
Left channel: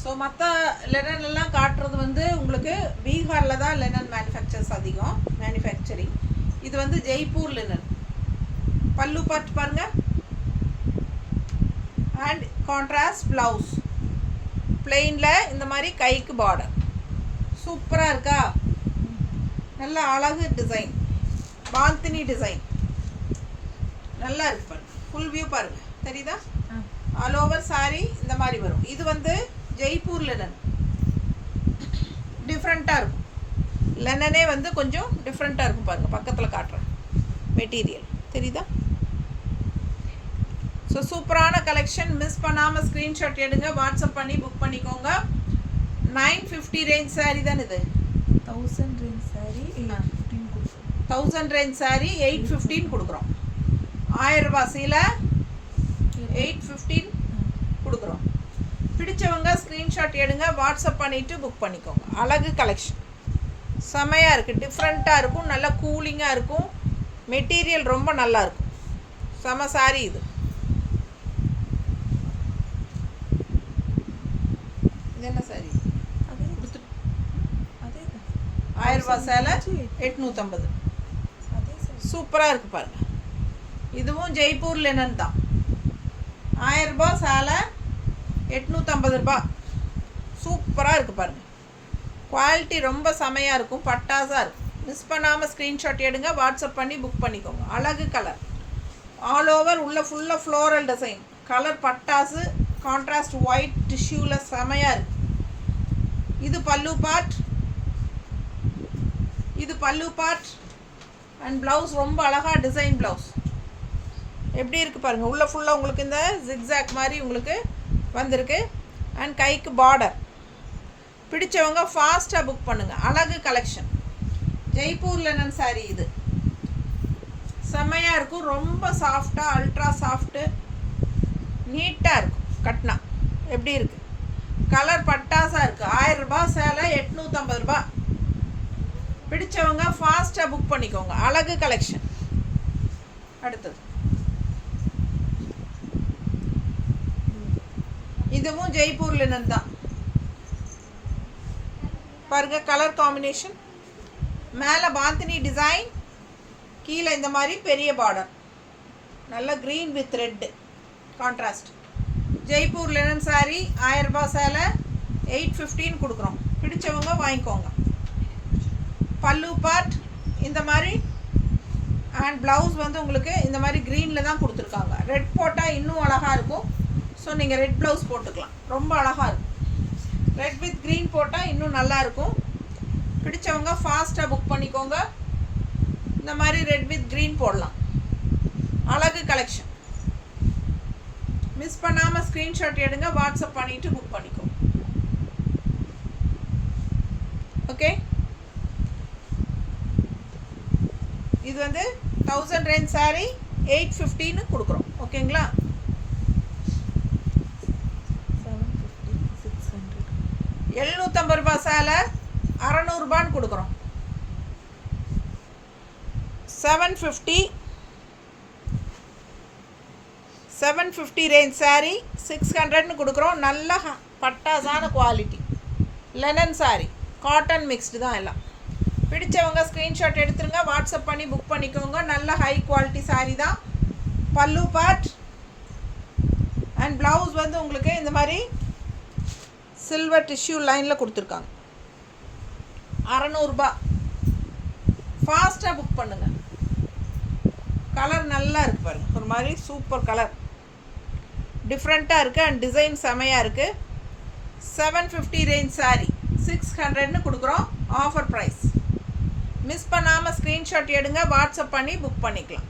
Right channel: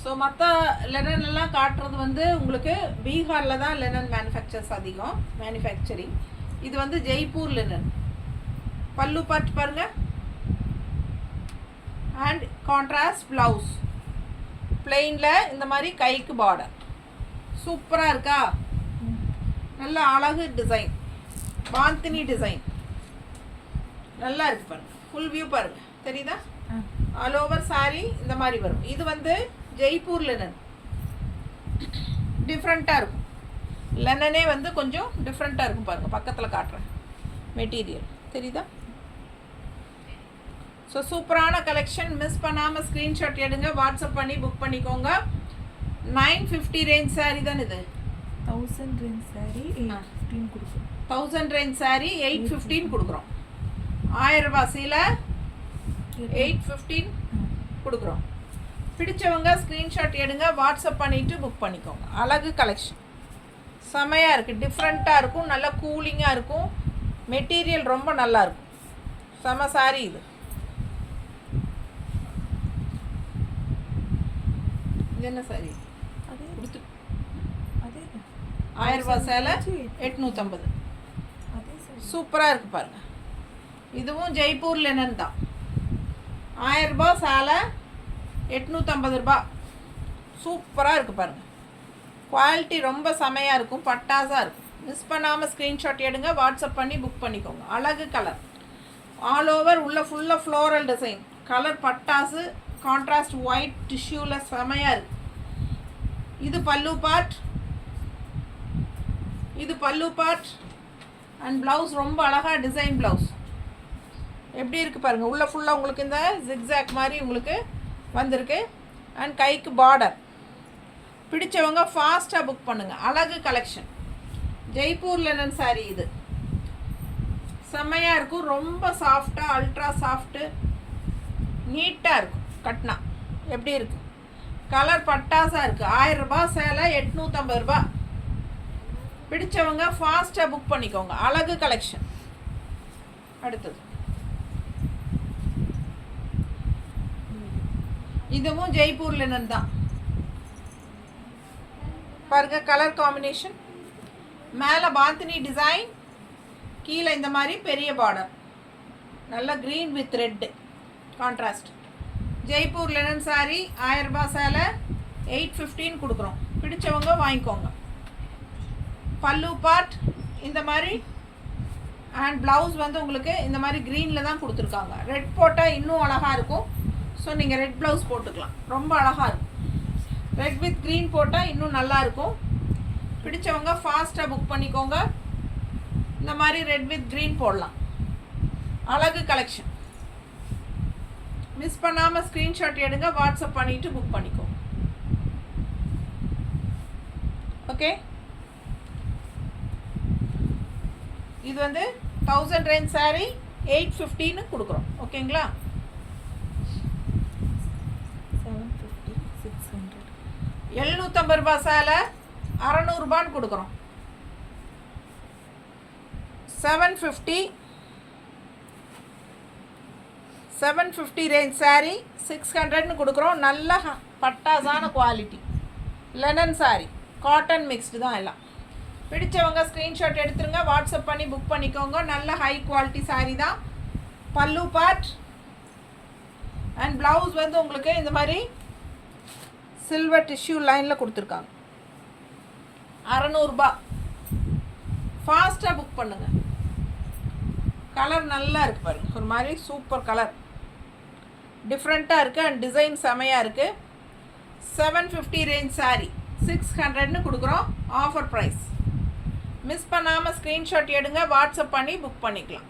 ஸோ மற்ற லெனன் எல்லாம் காட்டுறது வந்து உங்களுக்கு பீகாரில் தான் லெனன் மேனுஃபேக்சரிங். இது வந்து ஜெய்ப்பூர் லெனன். பல்லு பார்ட் பாருங்கள். அண்ட் கான்ட்ராஸ்ட் ப்ளவுஸ் பிளெயினில் இந்த மாதிரி கைக்கு பார்டர். சூப்பராக இருக்கா? நல்ல அழகு டிசைன், பாந்தினி டிசைன் நல்லா இருக்கு பாருங்க. ஃபுல் வியூ பாருங்க, தெரியுதா? ஆல் ஓவர் சாரி இந்த மாதிரி வரும். இது வந்து ஜெய்ப்பூர் லெனன். டிஃப்ரெண்ட்டாக இருக்கும். லெனனே வந்து கொஞ்சம் டிஃப்ரெண்ட்டாக இருக்கும் பாருங்கள். பக்கத்தில் காட்டுறேன் மெட்டீரியல், தெரியுதா? ஸோ சூப்பரான கலெக்ஷன். மிஸ் பண்ணாமல் ஸ்க்ரீன்ஷாட் எடுங்க, வாட்ஸ்அப் பண்ணி புக் பண்ணிக்கோங்க. 950 ரேஞ்ச் சாரீ தான் இது. 1000 ரேஞ்ச் சாரீ 815 கொடுக்குறோம். 1000 ரேஞ்ச் சாரீ 815 கொடுக்குறோம். 1000 ரூபாய் சீலை 815 கொடுக்குறோம். பிடிச்சவங்க ஸ்க்ரீன்ஷாட் எடுங்க, வாட்ஸ்அப் பண்ணிவிட்டு புக் பண்ணிக்கோங்க. அழகு கலெக்ஷன் செமையாக இருக்குது, டிஃப்ரெண்ட்டாக இருக்கும், நல்லா கூலிங்காக இருக்கும். மெட்டீரியல் ரொம்ப நல்லாயிருக்கும். செம சாரீ இது. இது என்ன சாரி? அதே கொடுத்து அதே தான். 1000 ரூபாய் சேலை 850. அதே சாரி சூப்பராக இருக்குது பாருங்க. இதுவும் ஜெய்ப்பூர் லெனன் தான். 1000 ரூபாய் சேலை 850 ரூபாய். சூப்பராக இருக்குது பாருங்கள். குவாலிட்டி ரொம்ப செமையாக இருக்கும், பட்டாஸாக இருக்கும். மிஸ் பண்ணாமல் ஸ்க்ரீன்ஷாட் எடுங்க, வாட்ஸ்அப் பண்ணி புக் பண்ணிக்கோங்க. அழகு கலர், ஆல் ஓவர் உள்ள ஃபுல்லாக ஃப்ளோரல் டிசைன். கலர் பட்டாசு, கான்ட்ராஸ்ட் ஒயிட் டிஷ்யூவில் செமையாக இருக்குது. இது பல்லு பார்ட். இது பல்லு பார்ட் அண்ட் ப்ளவுஸ் ரொம்ப அழகாக டிசைன் ப்ளவுஸ். எப்படி இருக்குது பாருங்கள். உள்ளே ஃபுல்லாக உங்களுக்கு இந்த ஜிக்ஸாக் மாதிரி உங்களுக்கு வந்திருக்கு. அண்ட் கைக்கு பார்டர். பிடிச்சவங்க ஃபாஸ்ட்டாக புக் பண்ணுங்கள். அழகு கலெக்ஷன். ஜெய்ப்பூர் லெனன் சாரீ இது. செம்மையாக இருக்கும், ரொம்ப சாஃப்டாக, அல்ட்ரா சாஃப்ட்டு, நீட்டாக இருக்கும். கட்னா எப்படி இருக்குது? கலர் பட்டாசாக இருக்குது. 1000 ரூபாய் சேலை 850 ரூபாய். பிடிச்சவங்க ஃபாஸ்ட்டாக புக் பண்ணிக்கோங்க. அழகு கலெக்ஷன். அடுத்தது இதுவும் ஜெய்ப்பூர் லெனன் தான். பாருங்க கலர் காம்பினேஷன். மேலே பாந்தினி டிசைன், கீழே இந்த மாதிரி பெரிய பார்டர், நல்ல green with red contrast. Jaipur linen sari 1000 ரூபாய் சேலை 815 கொடுக்குறோம். பிடிச்சவங்க வாங்கிக்கோங்க. பல்லு பார்ட் இந்த மாதிரி அண்ட் ப்ளவுஸ் வந்து உங்களுக்கு இந்த மாதிரி க்ரீனில் தான் கொடுத்துருக்காங்க. ரெட் போட்டால் இன்னும் அழகாக இருக்கும். ஸோ நீங்கள் ரெட் ப்ளவுஸ் போட்டுக்கலாம், ரொம்ப அழகாக இருக்கும். ரெட் வித் க்ரீன் போட்டால் இன்னும் நல்லாயிருக்கும். பிடிச்சவங்க ஃபாஸ்ட்டாக புக் பண்ணிக்கோங்க. இந்த மாதிரி ரெட் வித் க்ரீன் போடலாம். அழகு கலெக்ஷன். மிஸ் பண்ணாமல் ஸ்க்ரீன்ஷாட் எடுங்க, வாட்ஸ்அப் பண்ணிவிட்டு புக் பண்ணிக்கோங்க. ஓகே, இது வந்து 1000 ரேஞ்ச் சாரீ 815 கொடுக்குறோம். ஓகேங்களா? 750 600 750 ரூபாய் சேலை 600 ரூபான்னு கொடுக்குறோம். 750 ரேஞ்ச் சாரீ 600ன்னு கொடுக்குறோம். நல்ல பட்டாசான quality linen sari, cotton mixed தான் எல்லாம். பிடிச்சவங்க ஸ்க்ரீன்ஷாட் எடுத்துருங்க, வாட்ஸ்அப் பண்ணி புக் பண்ணிக்கோங்க. நல்ல ஹை குவாலிட்டி சாரீ தான். பல்லு பார்ட் அண்ட் ப்ளவுஸ் வந்து உங்களுக்கு இந்த மாதிரி சில்வர் டிஷ்யூ லைனில் கொடுத்துருக்காங்க. 600 ரூபாய். ஃபாஸ்ட்டாக புக் பண்ணுங்கள். கலர் நல்லா இருக்குது பாருங்கள், ஒரு மாதிரி சூப்பர் கலர், டிஃப்ரெண்ட்டாக இருக்குது அண்ட் டிசைன் செமையாக இருக்குது. 750 ரேஞ்ச் சாரீ 600ன்னு கொடுக்குறோம். Offer price. மிஸ் பண்ணாமல் ஸ்க்ரீன்ஷாட் எடுங்க, வாட்ஸ்அப் பண்ணி புக் பண்ணிக்கலாம்.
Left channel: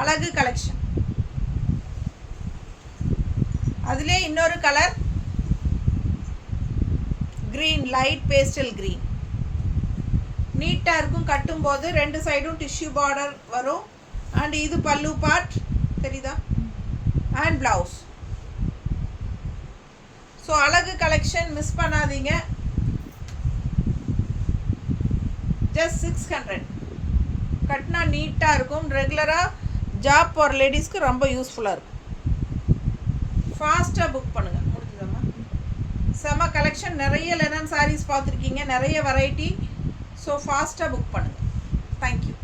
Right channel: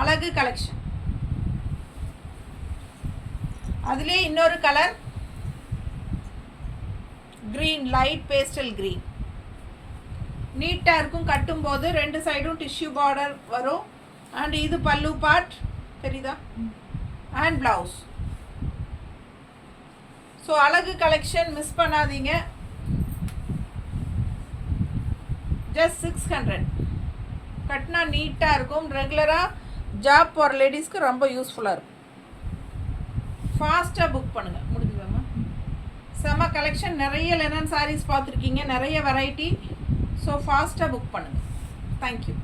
அழகு கலெக்ஷன். அதுலேயே இன்னொரு colour green, light pastel green. நீட்டாக இருக்கும். கட்டும்போது 2 சைடும் டிஷ்யூ பார்டர் வரும். அண்ட் இது பல்லு பார்ட், தெரியுதா? அண்ட் ப்ளவுஸ் ஸோ அழகு கலெக்ஷன் மிஸ் பண்ணாதீங்க. ஜஸ்ட் 600. கட்டினா நீட்டாக இருக்கும். ரெகுலராக ஜாப் போகிற லேடிஸ்க்கு ரொம்ப யூஸ்ஃபுல்லாக இருக்கும். ஃபாஸ்ட்டாக புக் பண்ணுங்கள். முடிஞ்சதம்மா. செம கலெக்ஷன். நிறைய லெனன் சாரீஸ் பார்த்துருக்கீங்க, நிறைய வெரைட்டி. ஸோ ஃபாஸ்ட்டாக புக் பண்ணுங்கள். தேங்க்யூ.